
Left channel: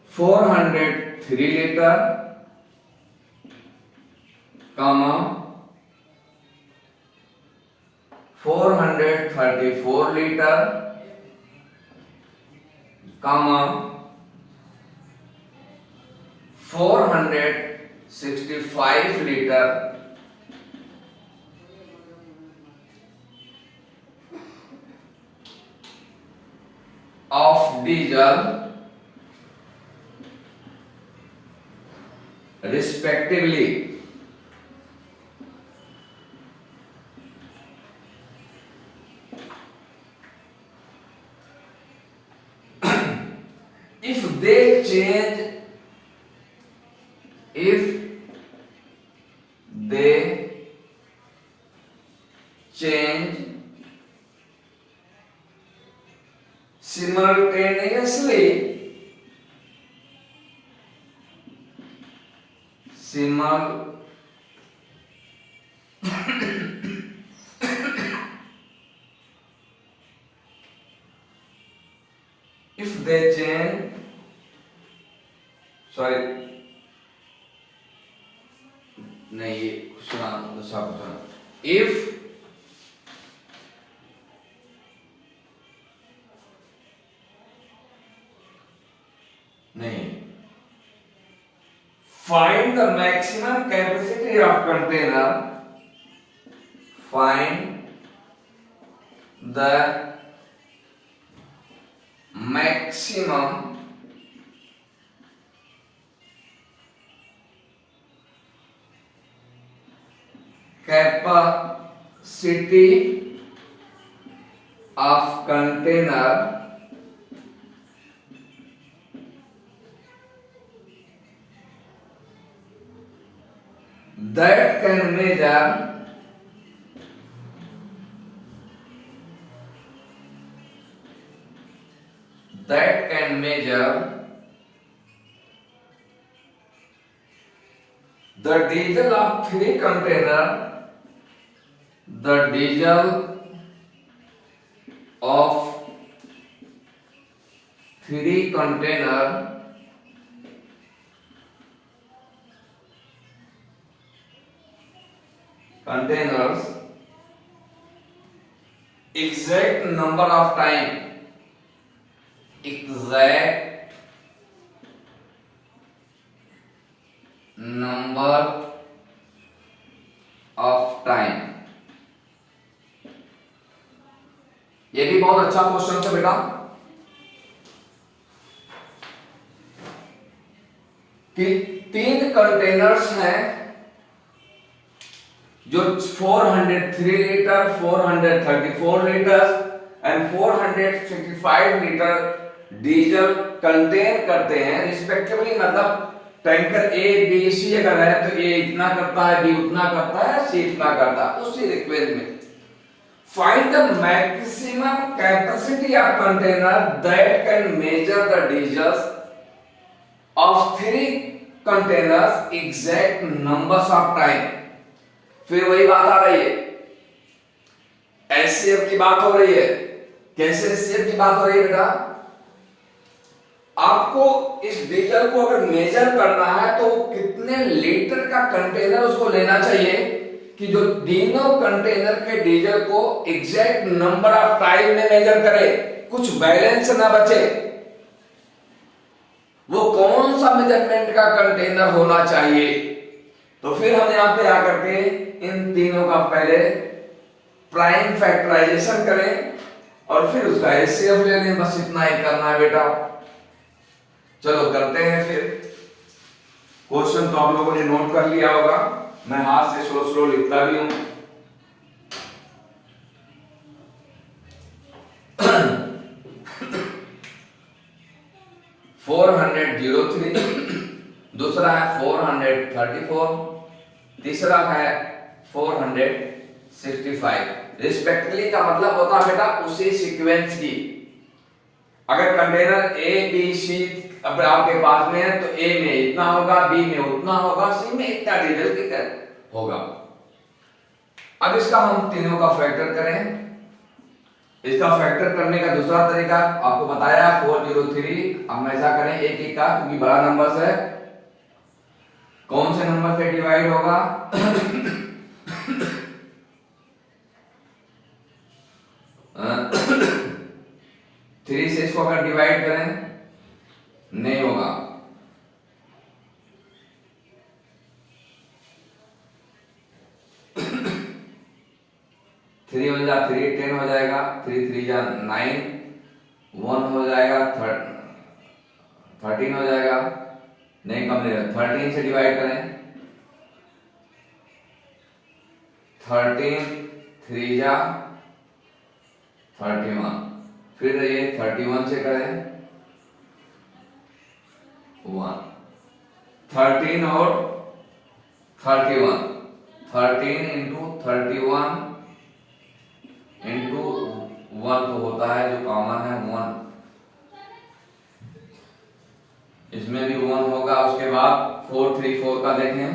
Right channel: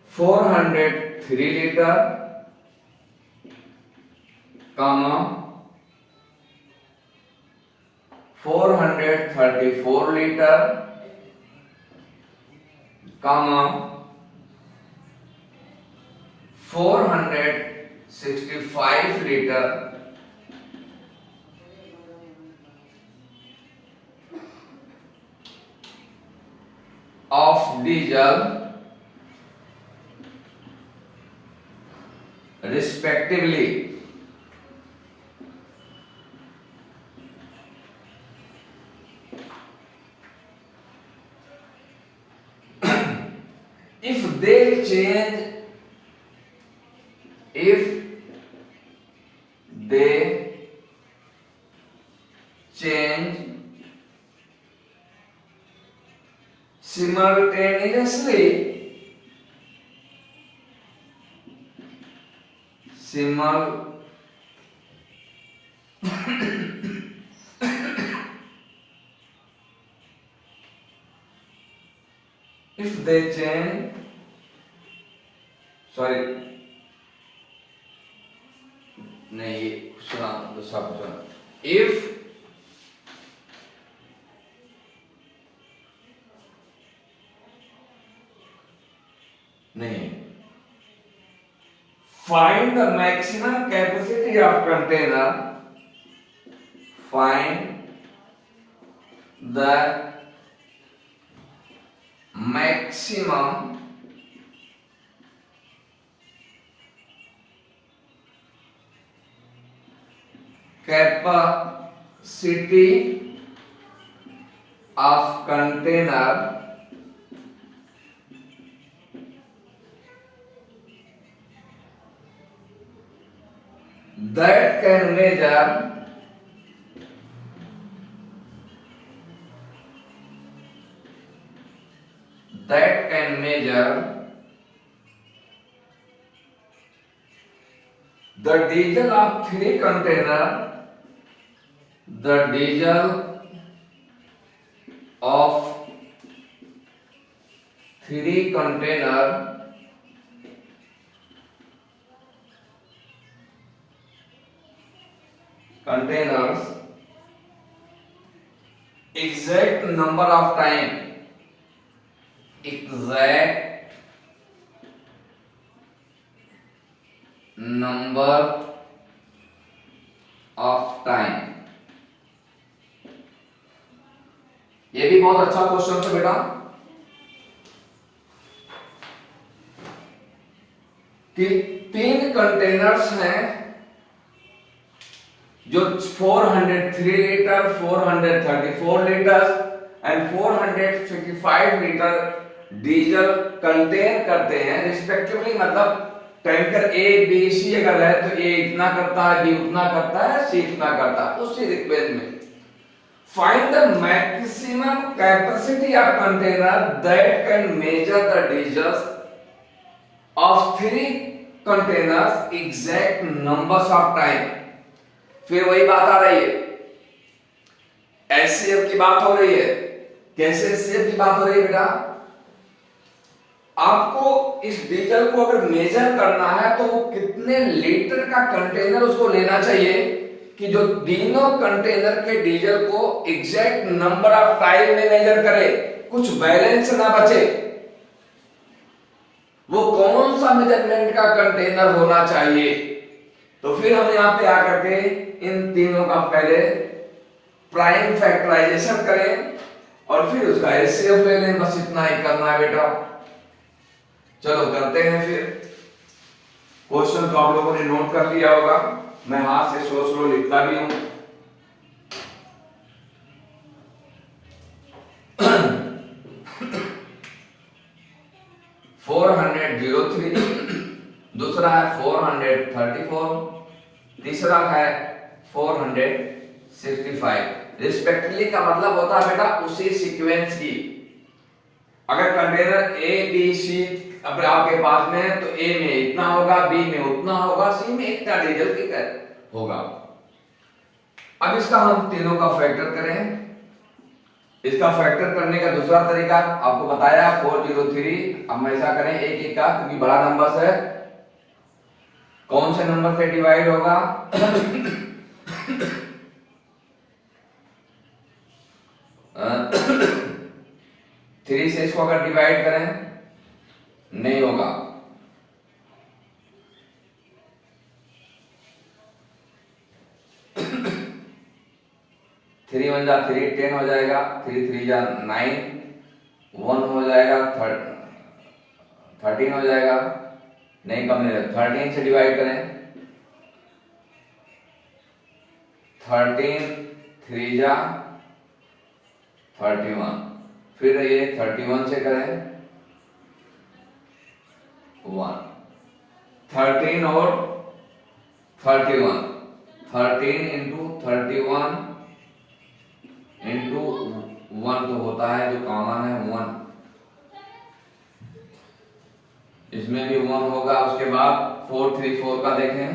403 liter, comma 434 liter, comma 465 liter of diesel respectively. If they change simultaneously, if they change, sorry, नहीं सुना दूसरा क्वेश्चन। if नहीं, find the maximum capacity of container, find the maximum capacity of container that can measure the diesel of 3 container, the diesel of 3 containers exact number of time, exact number of time। ये भी बहुत अच्छा question था बेटा कि 3 containers हैं जो 403 litre, 434 litre and 465 litre diesel contain करते हैं रिस्पेक्टिवली। मतलब टैंकर ए बी सी अगर है तो ए इतना करता है, बी उतना करता है, सी इतना करता है, उसी रिक्वेस्ट में find the maximum capacity of container that can measure the diesels of 3 containers exact numbers of time. फिर वही बात आ रही है, एचसीएफ की बात हो रही है। कैसे एचसीएफ की बात हो रही है बेटा? आपको इस डीजल को अगर मेजर करना है तो कितने लीटर का कंटेनर उसको लेना चाहिए कि जो तीनों कंटेनर के डीजल को एग्जैक्ट नंबर ऑफ टाइम में मेजर करे, कुछ बैलेंस ना बचे। वो कौन सा मेजरमेंट का कंटेनर होना चाहिए? तो फिर हम यहां पे आकर के इन तीनों का पहले प्राइम फैक्टराइजेशन करें और फिर उसका एचसीएफ ले लें। बस इतना ही करना है बेटा। चलो करते हैं फिर। क्वेश्चन तो आप लोगों ने नोट कर लिया होगा, मैं हाथ से स्लो स्लो लिखता भी हूं। दूसरा है 434, तीसरा है 465। रिस्पेक्टिवली का मतलब होता है बेटा उसी सीक्वेंस की। अगर कंटेनर ए बी सी अब आपके पास में है तो ए में इतना होगा, बी में उतना होगा, सी में इतना डीजल की होगा। अब इसका हम तीनों का फैक्टर करें। इसका फैक्टर करने का दूसरा तरीका आपको बताया 403। अब ऐसा करें एक एक का, क्योंकि बड़ा नंबर से कौन से नंबर से डिवाइड होगा? 3 से इसको अगर डिवाइड करें नहीं होगा। 3 1 जा 3 10 हो जाएगा, 3 3 जा 9, 1 हो जाएगा 13 हो जाएगा। नहीं कम नहीं, 13 से डिवाइड करें 13 3 जा 31, फिर ये 31 से करें 1, 13 और 31, 13 इंटू 31 इंटू 1 तो होता है जो कॉमन है 1, इसमें भी 1 होगा। उसके बाद 434 का देखें,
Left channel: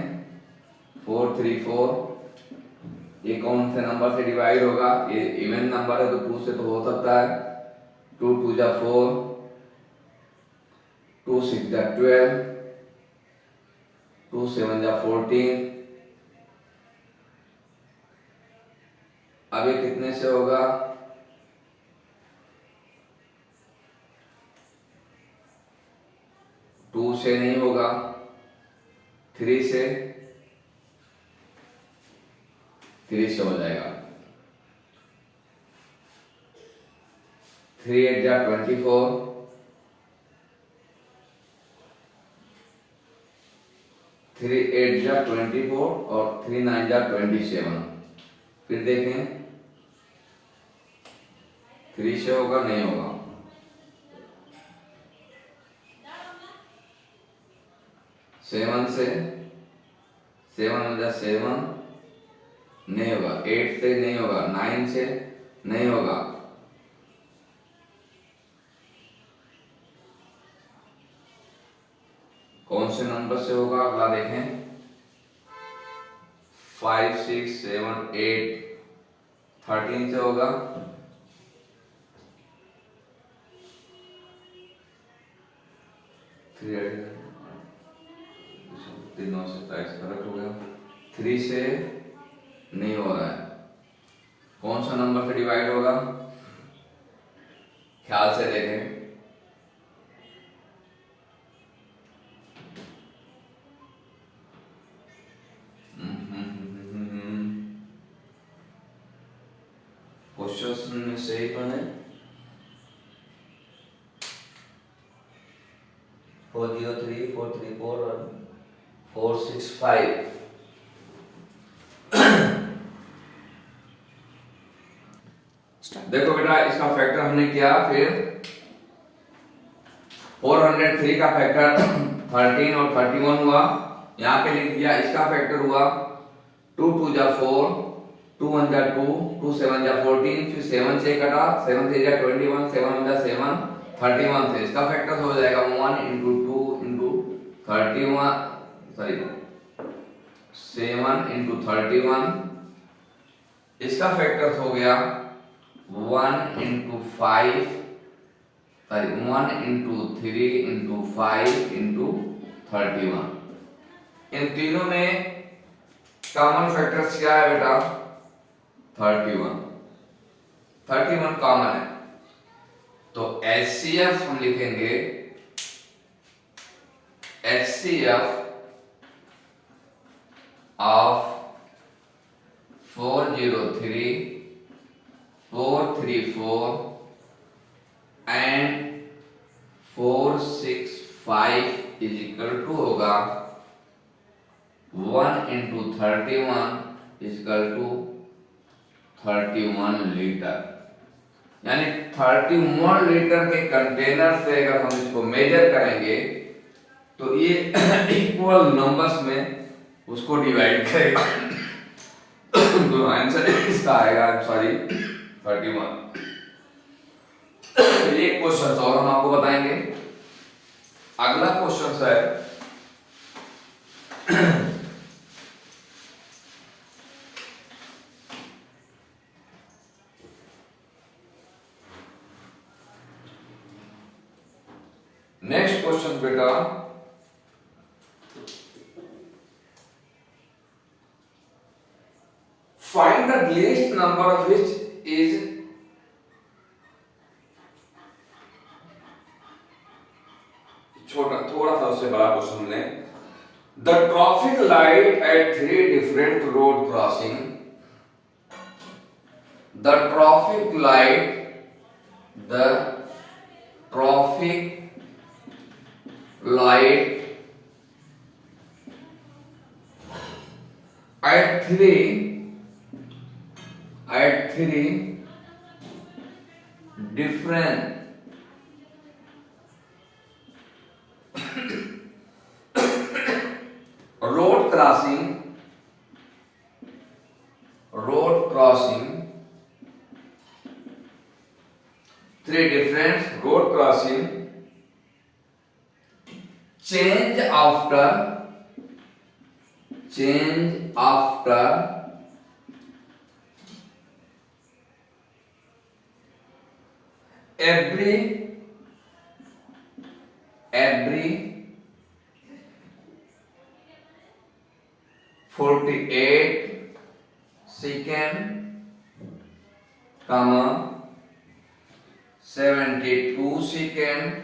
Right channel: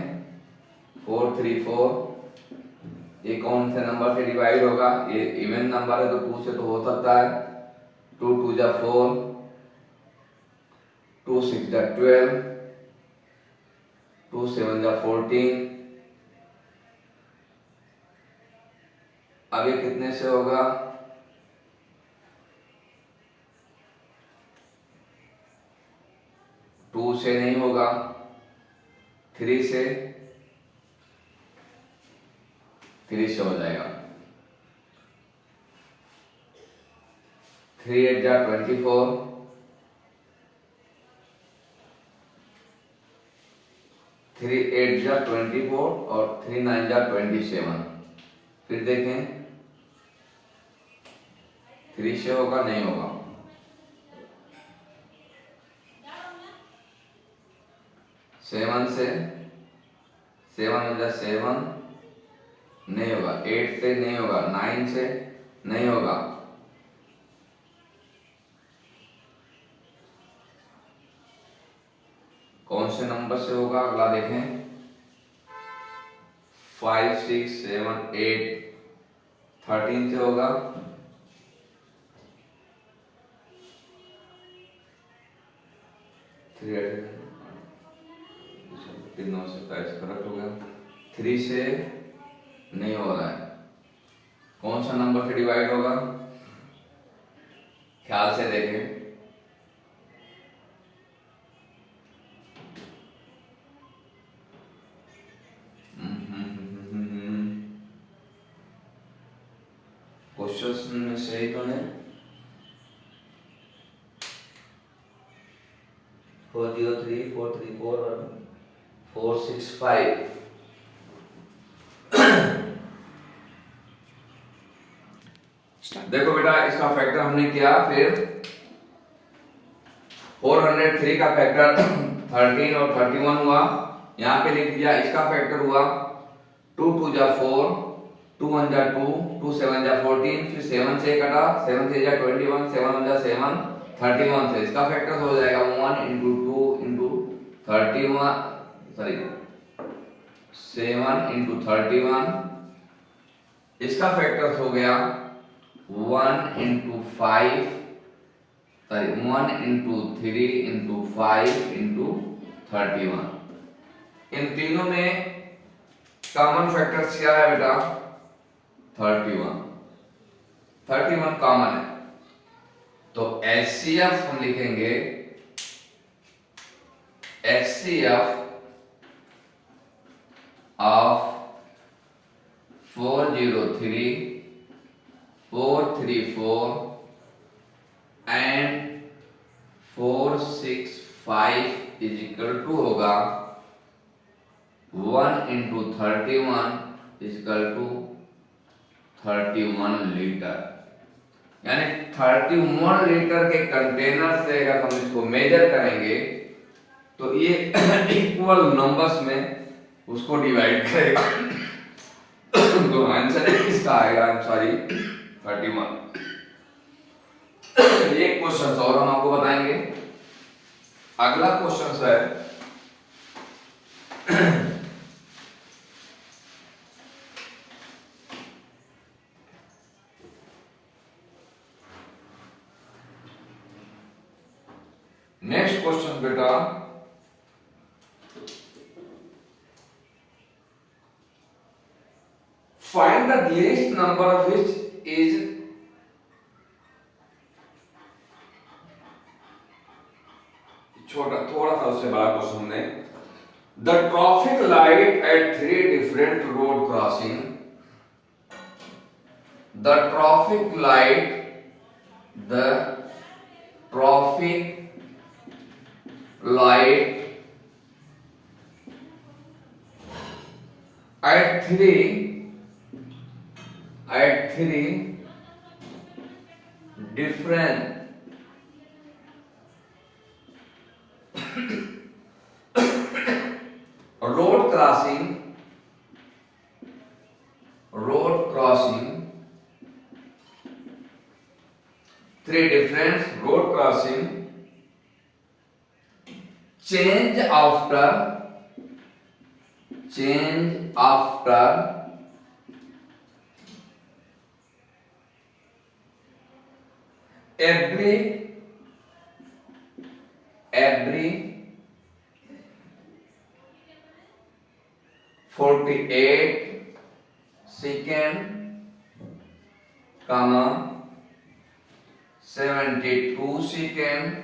434 ये कौन से नंबर से डिवाइड होगा? ये इवन नंबर है तो 2 से तो हो सकता है। 2 2 जा 4, 2 6 जा 12, 2 7 जा 14। अब ये कितने से होगा? 2 से नहीं होगा, 3 से हो जाएगा। 3 8 जा 24, 3 8 जा 24 और 3 9 जा 27। फिर देखें 3 से होगा नहीं होगा, 7 से 7 हो जा 7 नहीं होगा, 8 से नहीं होगा, 9 से नहीं होगा, कौन से नंबर से होगा? अगला देखें 5 6 7 8 13 से होगा, 3 से नहीं हो रहा है, कौन सा नंबर से डिवाइड होगा? ख्याल से देखें, क्वेश्चन में सही तो है। 403 434 और 465। देखो बेटा इसका फैक्टर हमने किया, फिर 403 का फैक्टर 13 और 31 हुआ, यहाँ पे लिख दिया। इसका फैक्टर हुआ 2 2 जा 4, 2 1 जा 2, 2 7 जा 14, फिर 7 से कटा, 7 से जा 21, 7 1 जा 7, 31 से इसका फैक्टर हो जाएगा 1 इंटू 2 इंटू 31, सॉरी 7 इंटू 31। इसका फैक्टर हो गया 1 into 5 sorry 1 into 3 into 5 into 31। इन तीनों में कॉमन फैक्टर्स क्या है बेटा? 31। 31 कॉमन है, तो HCF हम लिखेंगे HCF of 403, 434 and 465 is equal to होगा 1 इंटू 31 इजकल टू 31 लीटर। यानी 31 लीटर के कंटेनर से अगर हम इसको मेजर करेंगे तो ये इक्वल नंबर्स में उसको डिवाइड करेगा। तो आंसर इसका आएगा, सॉरी 31। एक क्वेश्चन और हम आपको बताएंगे। अगला क्वेश्चन है नेक्स्ट क्वेश्चन बेटा, find the least number which is छोटा, थोड़ा सा उससे बड़ा क्वेश्चन हमने। The traffic light at 3 different road crossing, the traffic light, the traffic light at 3 different road crossing 3 different road crossing change after every 48 second, 72 second,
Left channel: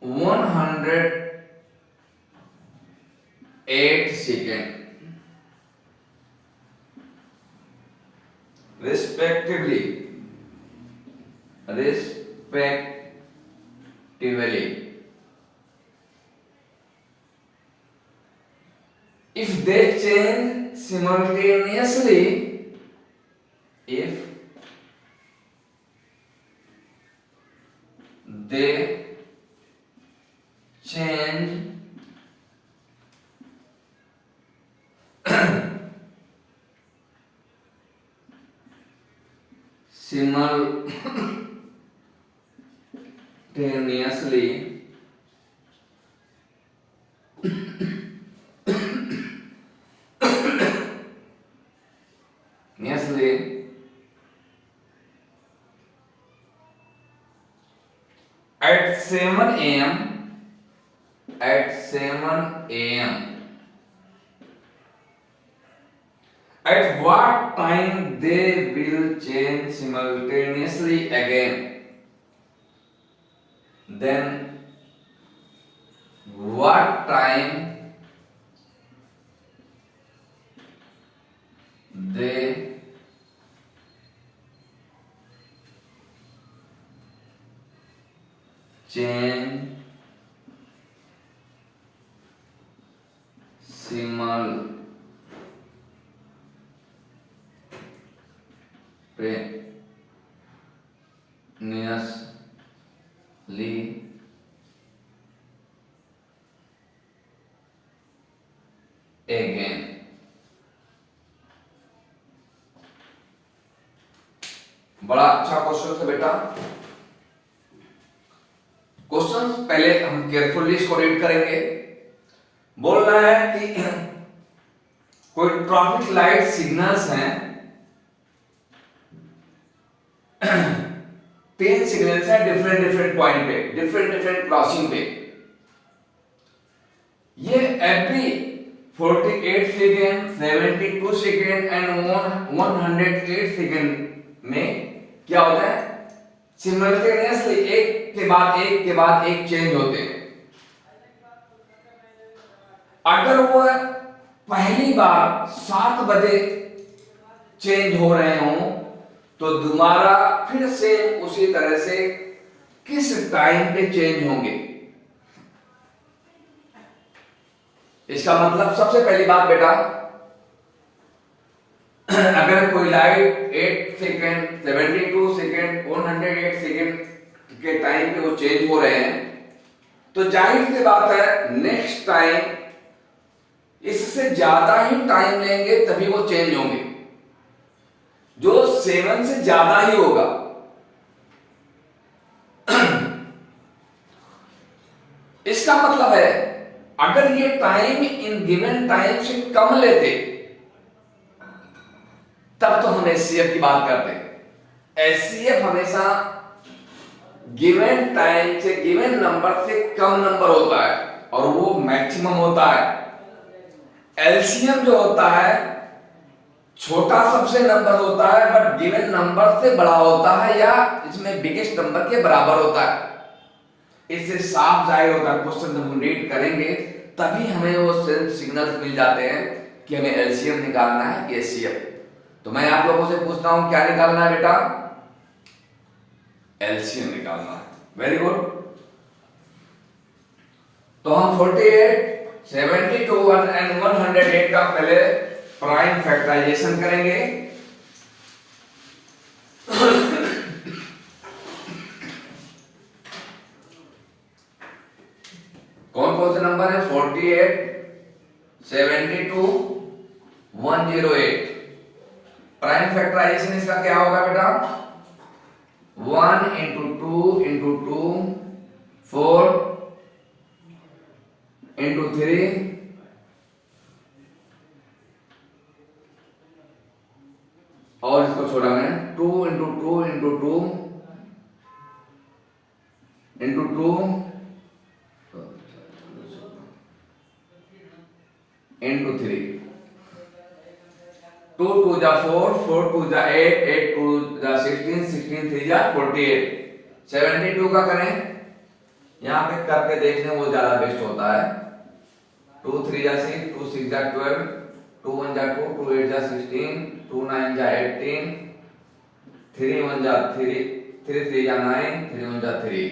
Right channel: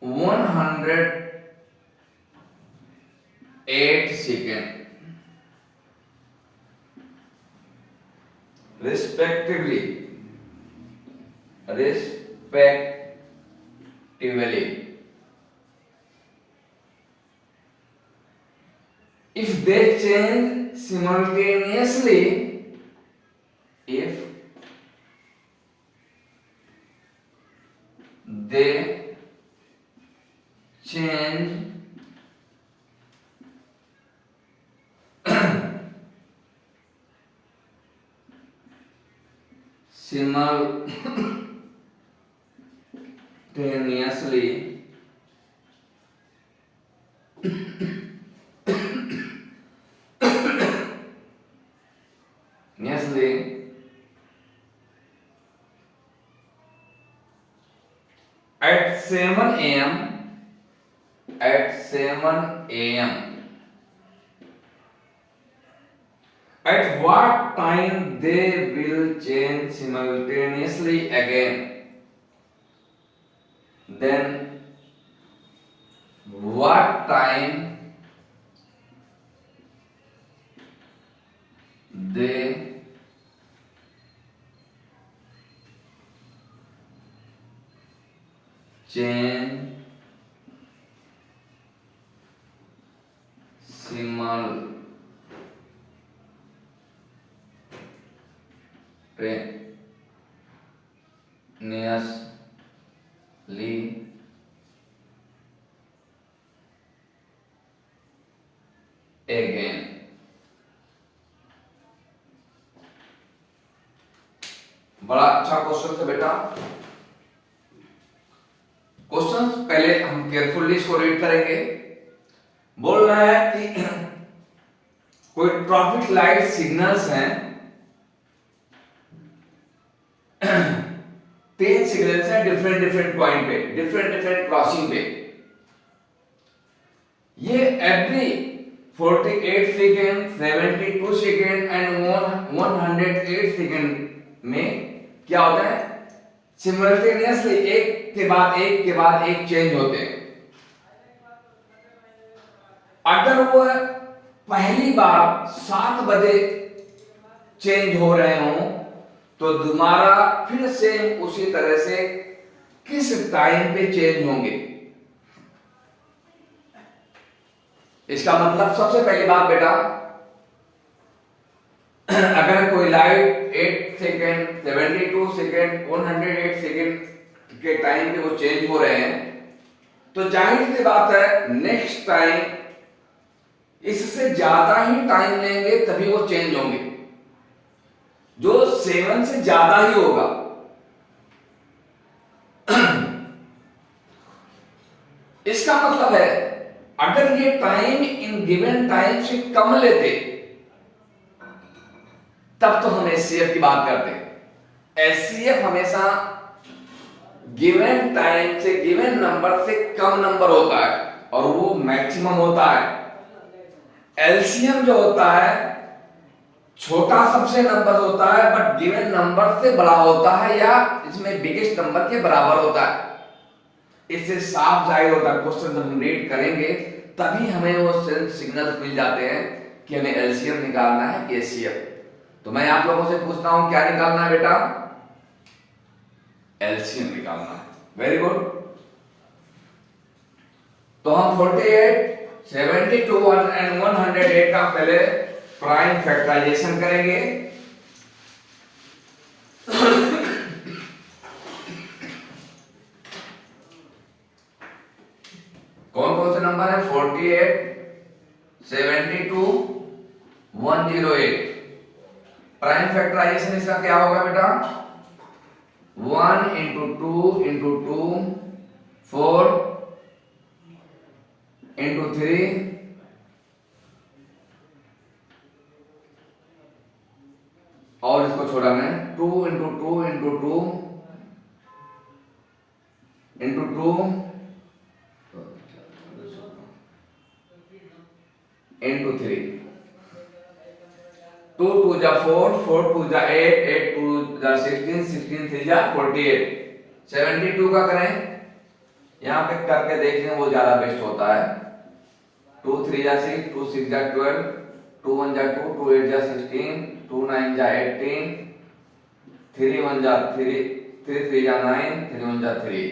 108 second respectively. If they change simultaneously, if they change simultaneously at 7 a.m. At what time they will change simultaneously again? Then what time they change simultaneously again? बड़ा अच्छा question है बेटा। Question पहले हम carefully इसको read करेंगे। बोल रहा है कि कोई ट्रैफिक लाइट सिग्नल्स हैं तीन सिग्नल्स हैं डिफरेंट डिफरेंट पॉइंट पे, डिफरेंट डिफरेंट क्रॉसिंग पे। ये every 48 second, 72 second and 108 second में क्या होता है, सिमल्टेनियसली एक के बाद एक चेंज होते हैं। अगर वो पहली बार 7 बजे चेंज हो रहे हों तो दोबारा फिर से उसी तरह से किस टाइम पे चेंज होंगे। इसका मतलब सबसे पहली बात बेटा, अगर कोई लाइट 8 सेकेंड, 72 सेकेंड, 108 सेकेंड के टाइम पे वो चेंज हो रहे हैं तो जाहिर सी बात है नेक्स्ट टाइम इससे ज्यादा ही टाइम लेंगे तभी वो चेंज होंगे, जो 7 से ज्यादा ही होगा। इसका मतलब है अगर ये टाइम इन गिवन टाइम से कम लेते तब तो हम एचसीएफ की बात करते हैं। एचसीएफ हमेशा गिवन टाइम से, गिवन नंबर से कम नंबर होता है और वो मैक्सिमम होता है। एलसीएम जो होता है छोटा सबसे नंबर होता है बट गिवन नंबर से बड़ा होता है या इसमें बिगेस्ट नंबर के बराबर होता है। इससे साफ जाहिर होता है, क्वेश्चन जब हम रीड करेंगे तभी हमें वो सिग्नल मिल जाते हैं कि हमें एलसीएम निकालना है कि एचसीएफ। तो मैं आप लोगों से पूछता हूं क्या निकालना है बेटा, एलसीएम निकालना है। Very good. तो हम 48, 72 एंड 108 का पहले प्राइम फैक्टराइजेशन करेंगे। कौन कौन से नंबर है, 48, 72, 108। प्राइम फैक्टराइजेशन इसका क्या होगा बेटा, 1 इंटू 2 इंटू 2, 4 इंटू 3 और इसको छोड़ा मैं 2 इंटू 2 इंटू 2 इंटू 2 इंटू 3, 2 2 जा 4, 4 2 जा 8, 8 2 जा 16, 16 3 जा 48। 72 का करें, यहां पे करके देखने वो ज्यादा बेस्ट होता है। 2 3 जा 6, 2 6 जा 12, 2 1 जा 2, 2 8 जा 16, 2 9 जा 18, 3 1 जा 3, 3 3 जा 9, 3 1 जा 3।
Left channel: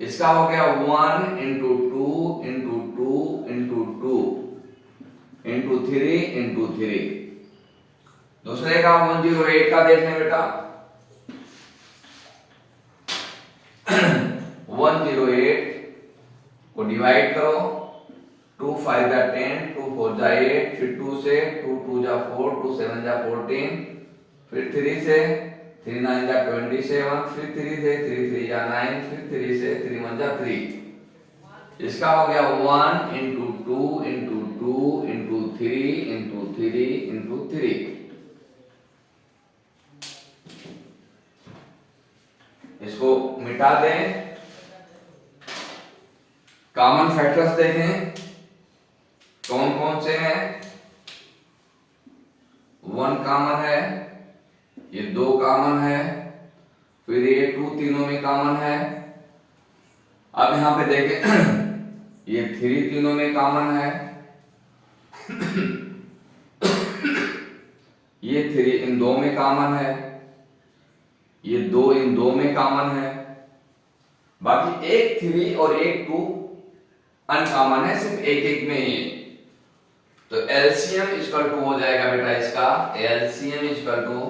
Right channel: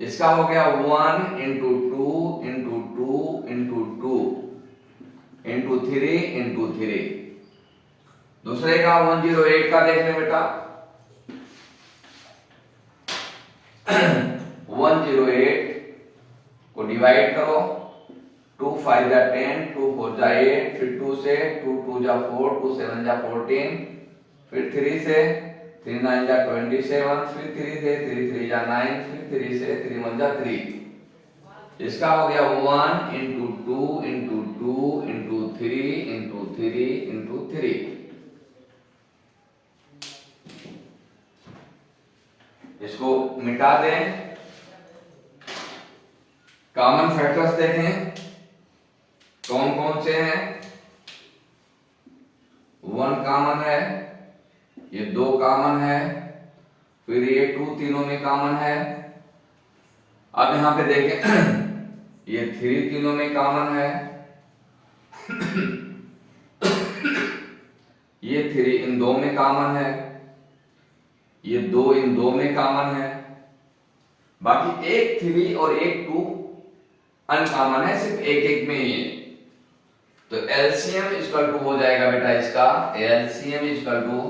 इसका हो गया 1 into 2 into 2 into 2 into 3 into 3। दूसरे का 108 का देख लें बेटा। 108 को डिवाइड करो, 2 5 जा 10, 2 4 जा 8, फिर 2 से 2 2 जा 4, 2 7 जा 14, फिर 3 से 3 9 जा 27, फिर 3 से 3 3 जा 9, फिर 3 से 3 1 जा 3। इसका हो गया 1 into 2 into 2 into 3 into 3 into 3। इसको मिटा दें, कॉमन फैक्टर्स देखें कौन कौन से हैं। 1 कॉमन है, ये 2 कॉमन है, फिर ये 2 तीनों में कॉमन है। अब यहां पे देखें ये 3 तीनों में कॉमन है, ये 3 इन 2 में कॉमन है, ये 2 इन 2 में कॉमन है, बाकी एक 3 और एक 2 अनकॉमन है, सिर्फ एक एक में ही है। तो एलसीएम इक्वल टू हो जाएगा बेटा इसका, LCM equal to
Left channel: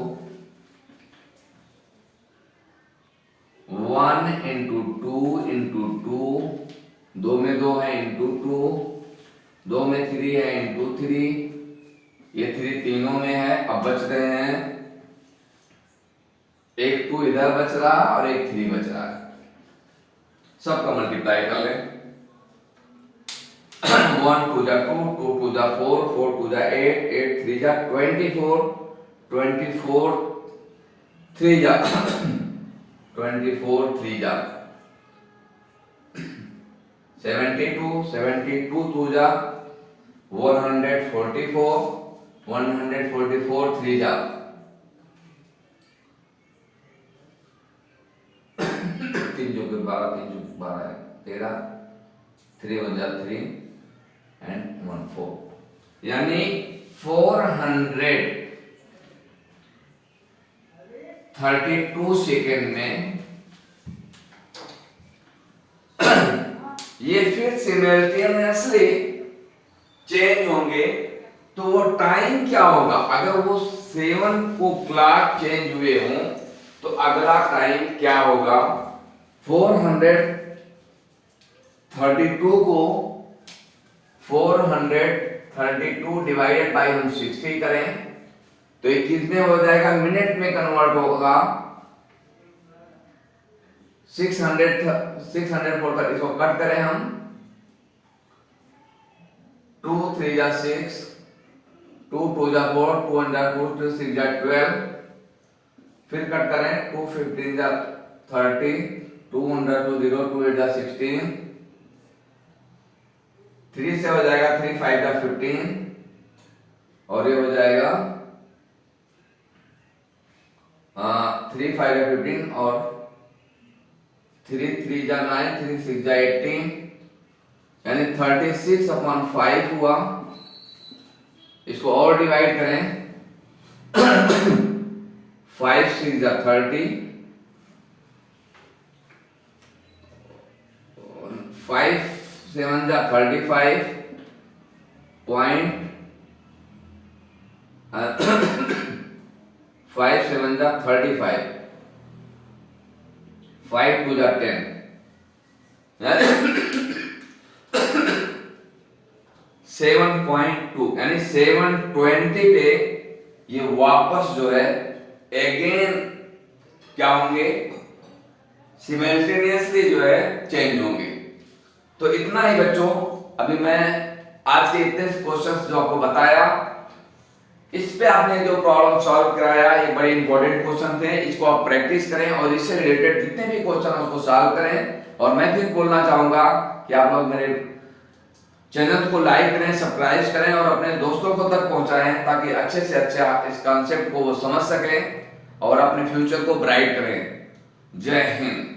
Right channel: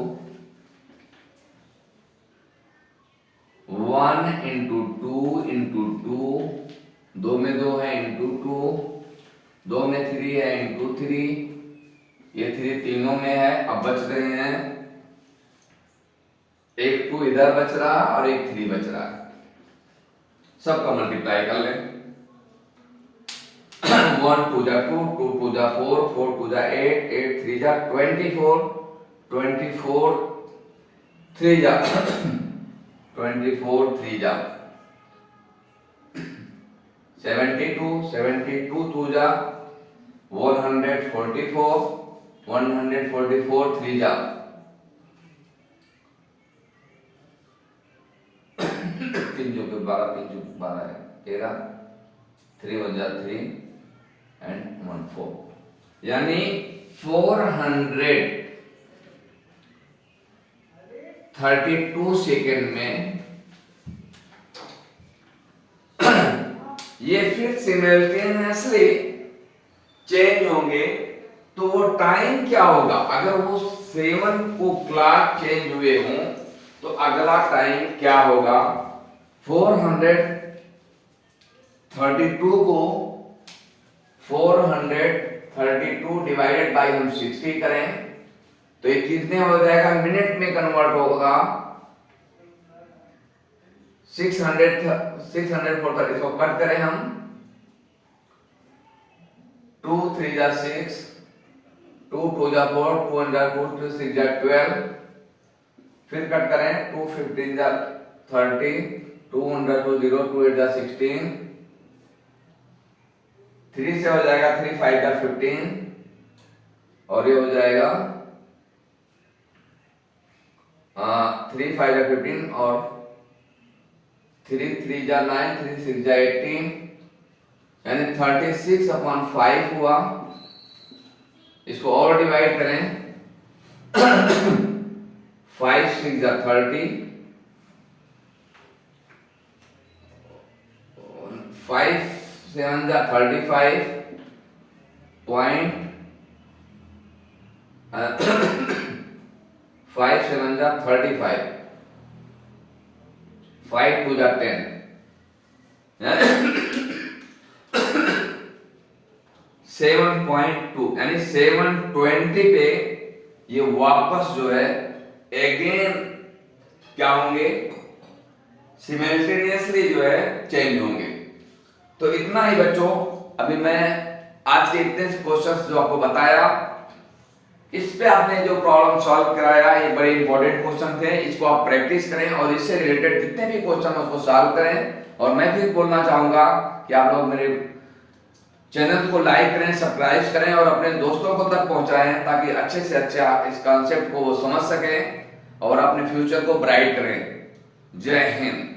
1 into 2 into 2, 2 में 2 है इंटू 2, 2 में 3 है इंटू 3, ये 3 तीनों में है। अब बच रहे हैं एक 2 इधर बच रहा और एक 3 बच रहा है, सबका मल्टीप्लाई कर लें। 1 2 जा 2, 2 2 जा 4, 4 2 जा 8, 8 3 जा 24, 24 3 जा 24 3 जा 72 72 2 जा 144 144 3 जा 3 जो के 12 3 जो 12 है 13 3 1 जा 3 एंड 1 4 यानी 432 सेकेंड में ये फिर सिमल्टेनियसली चेंज होंगे। तो वो टाइम क्या होगा? अगर वो 7 को क्लॉक चेंज हुए हों तो अगला टाइम क्या होगा? 432 को 432 डिवाइडेड बाई हम 60 करें तो ये कितने हो जाएगा? मिनट में कन्वर्ट होगा। 640 इसको कट करें हम 2 3 जा 6 2 2 जा 4 2 1 जा 2 2 6 जा 12 फिर कट करें 2 15 जा 30 2 1 जा 2 0 2 8 जा 16 3 से हो जाएगा 3 5 जा 15 और ये हो जाएगा 3 5 जा 15 और 3 3 जा 9 3 6 जा 18 यानी 36/5 हुआ। इसको और डिवाइड करें 5 6 जा 30 5 7 जा 35 पॉइंट 5 7 जा 35 5 2 जा 10 7.2 यानी 720 पे ये वापस जो है अगेन क्या होंगे? सिमल्टेनियसली जो है चेंज होंगे। तो इतना ही बच्चों, अभी मैं आज के इतने क्वेश्चंस जो आपको बताया, इस पे आपने जो प्रॉब्लम सॉल्व कराया ये बड़े इंपॉर्टेंट क्वेश्चन थे। इसको आप प्रैक्टिस करें और इससे रिलेटेड जितने भी क्वेश्चन है उसको सॉल्व करें। और मैं भी बोलना चाहूंगा कि आप लोग मेरे चैनल को लाइक करें, सब्सक्राइब करें और अपने दोस्तों को तक पहुंचाएं ताकि अच्छे से अच्छा इस कॉन्सेप्ट को वो समझ सकें और अपने फ्यूचर को ब्राइट करें। जय हिंद।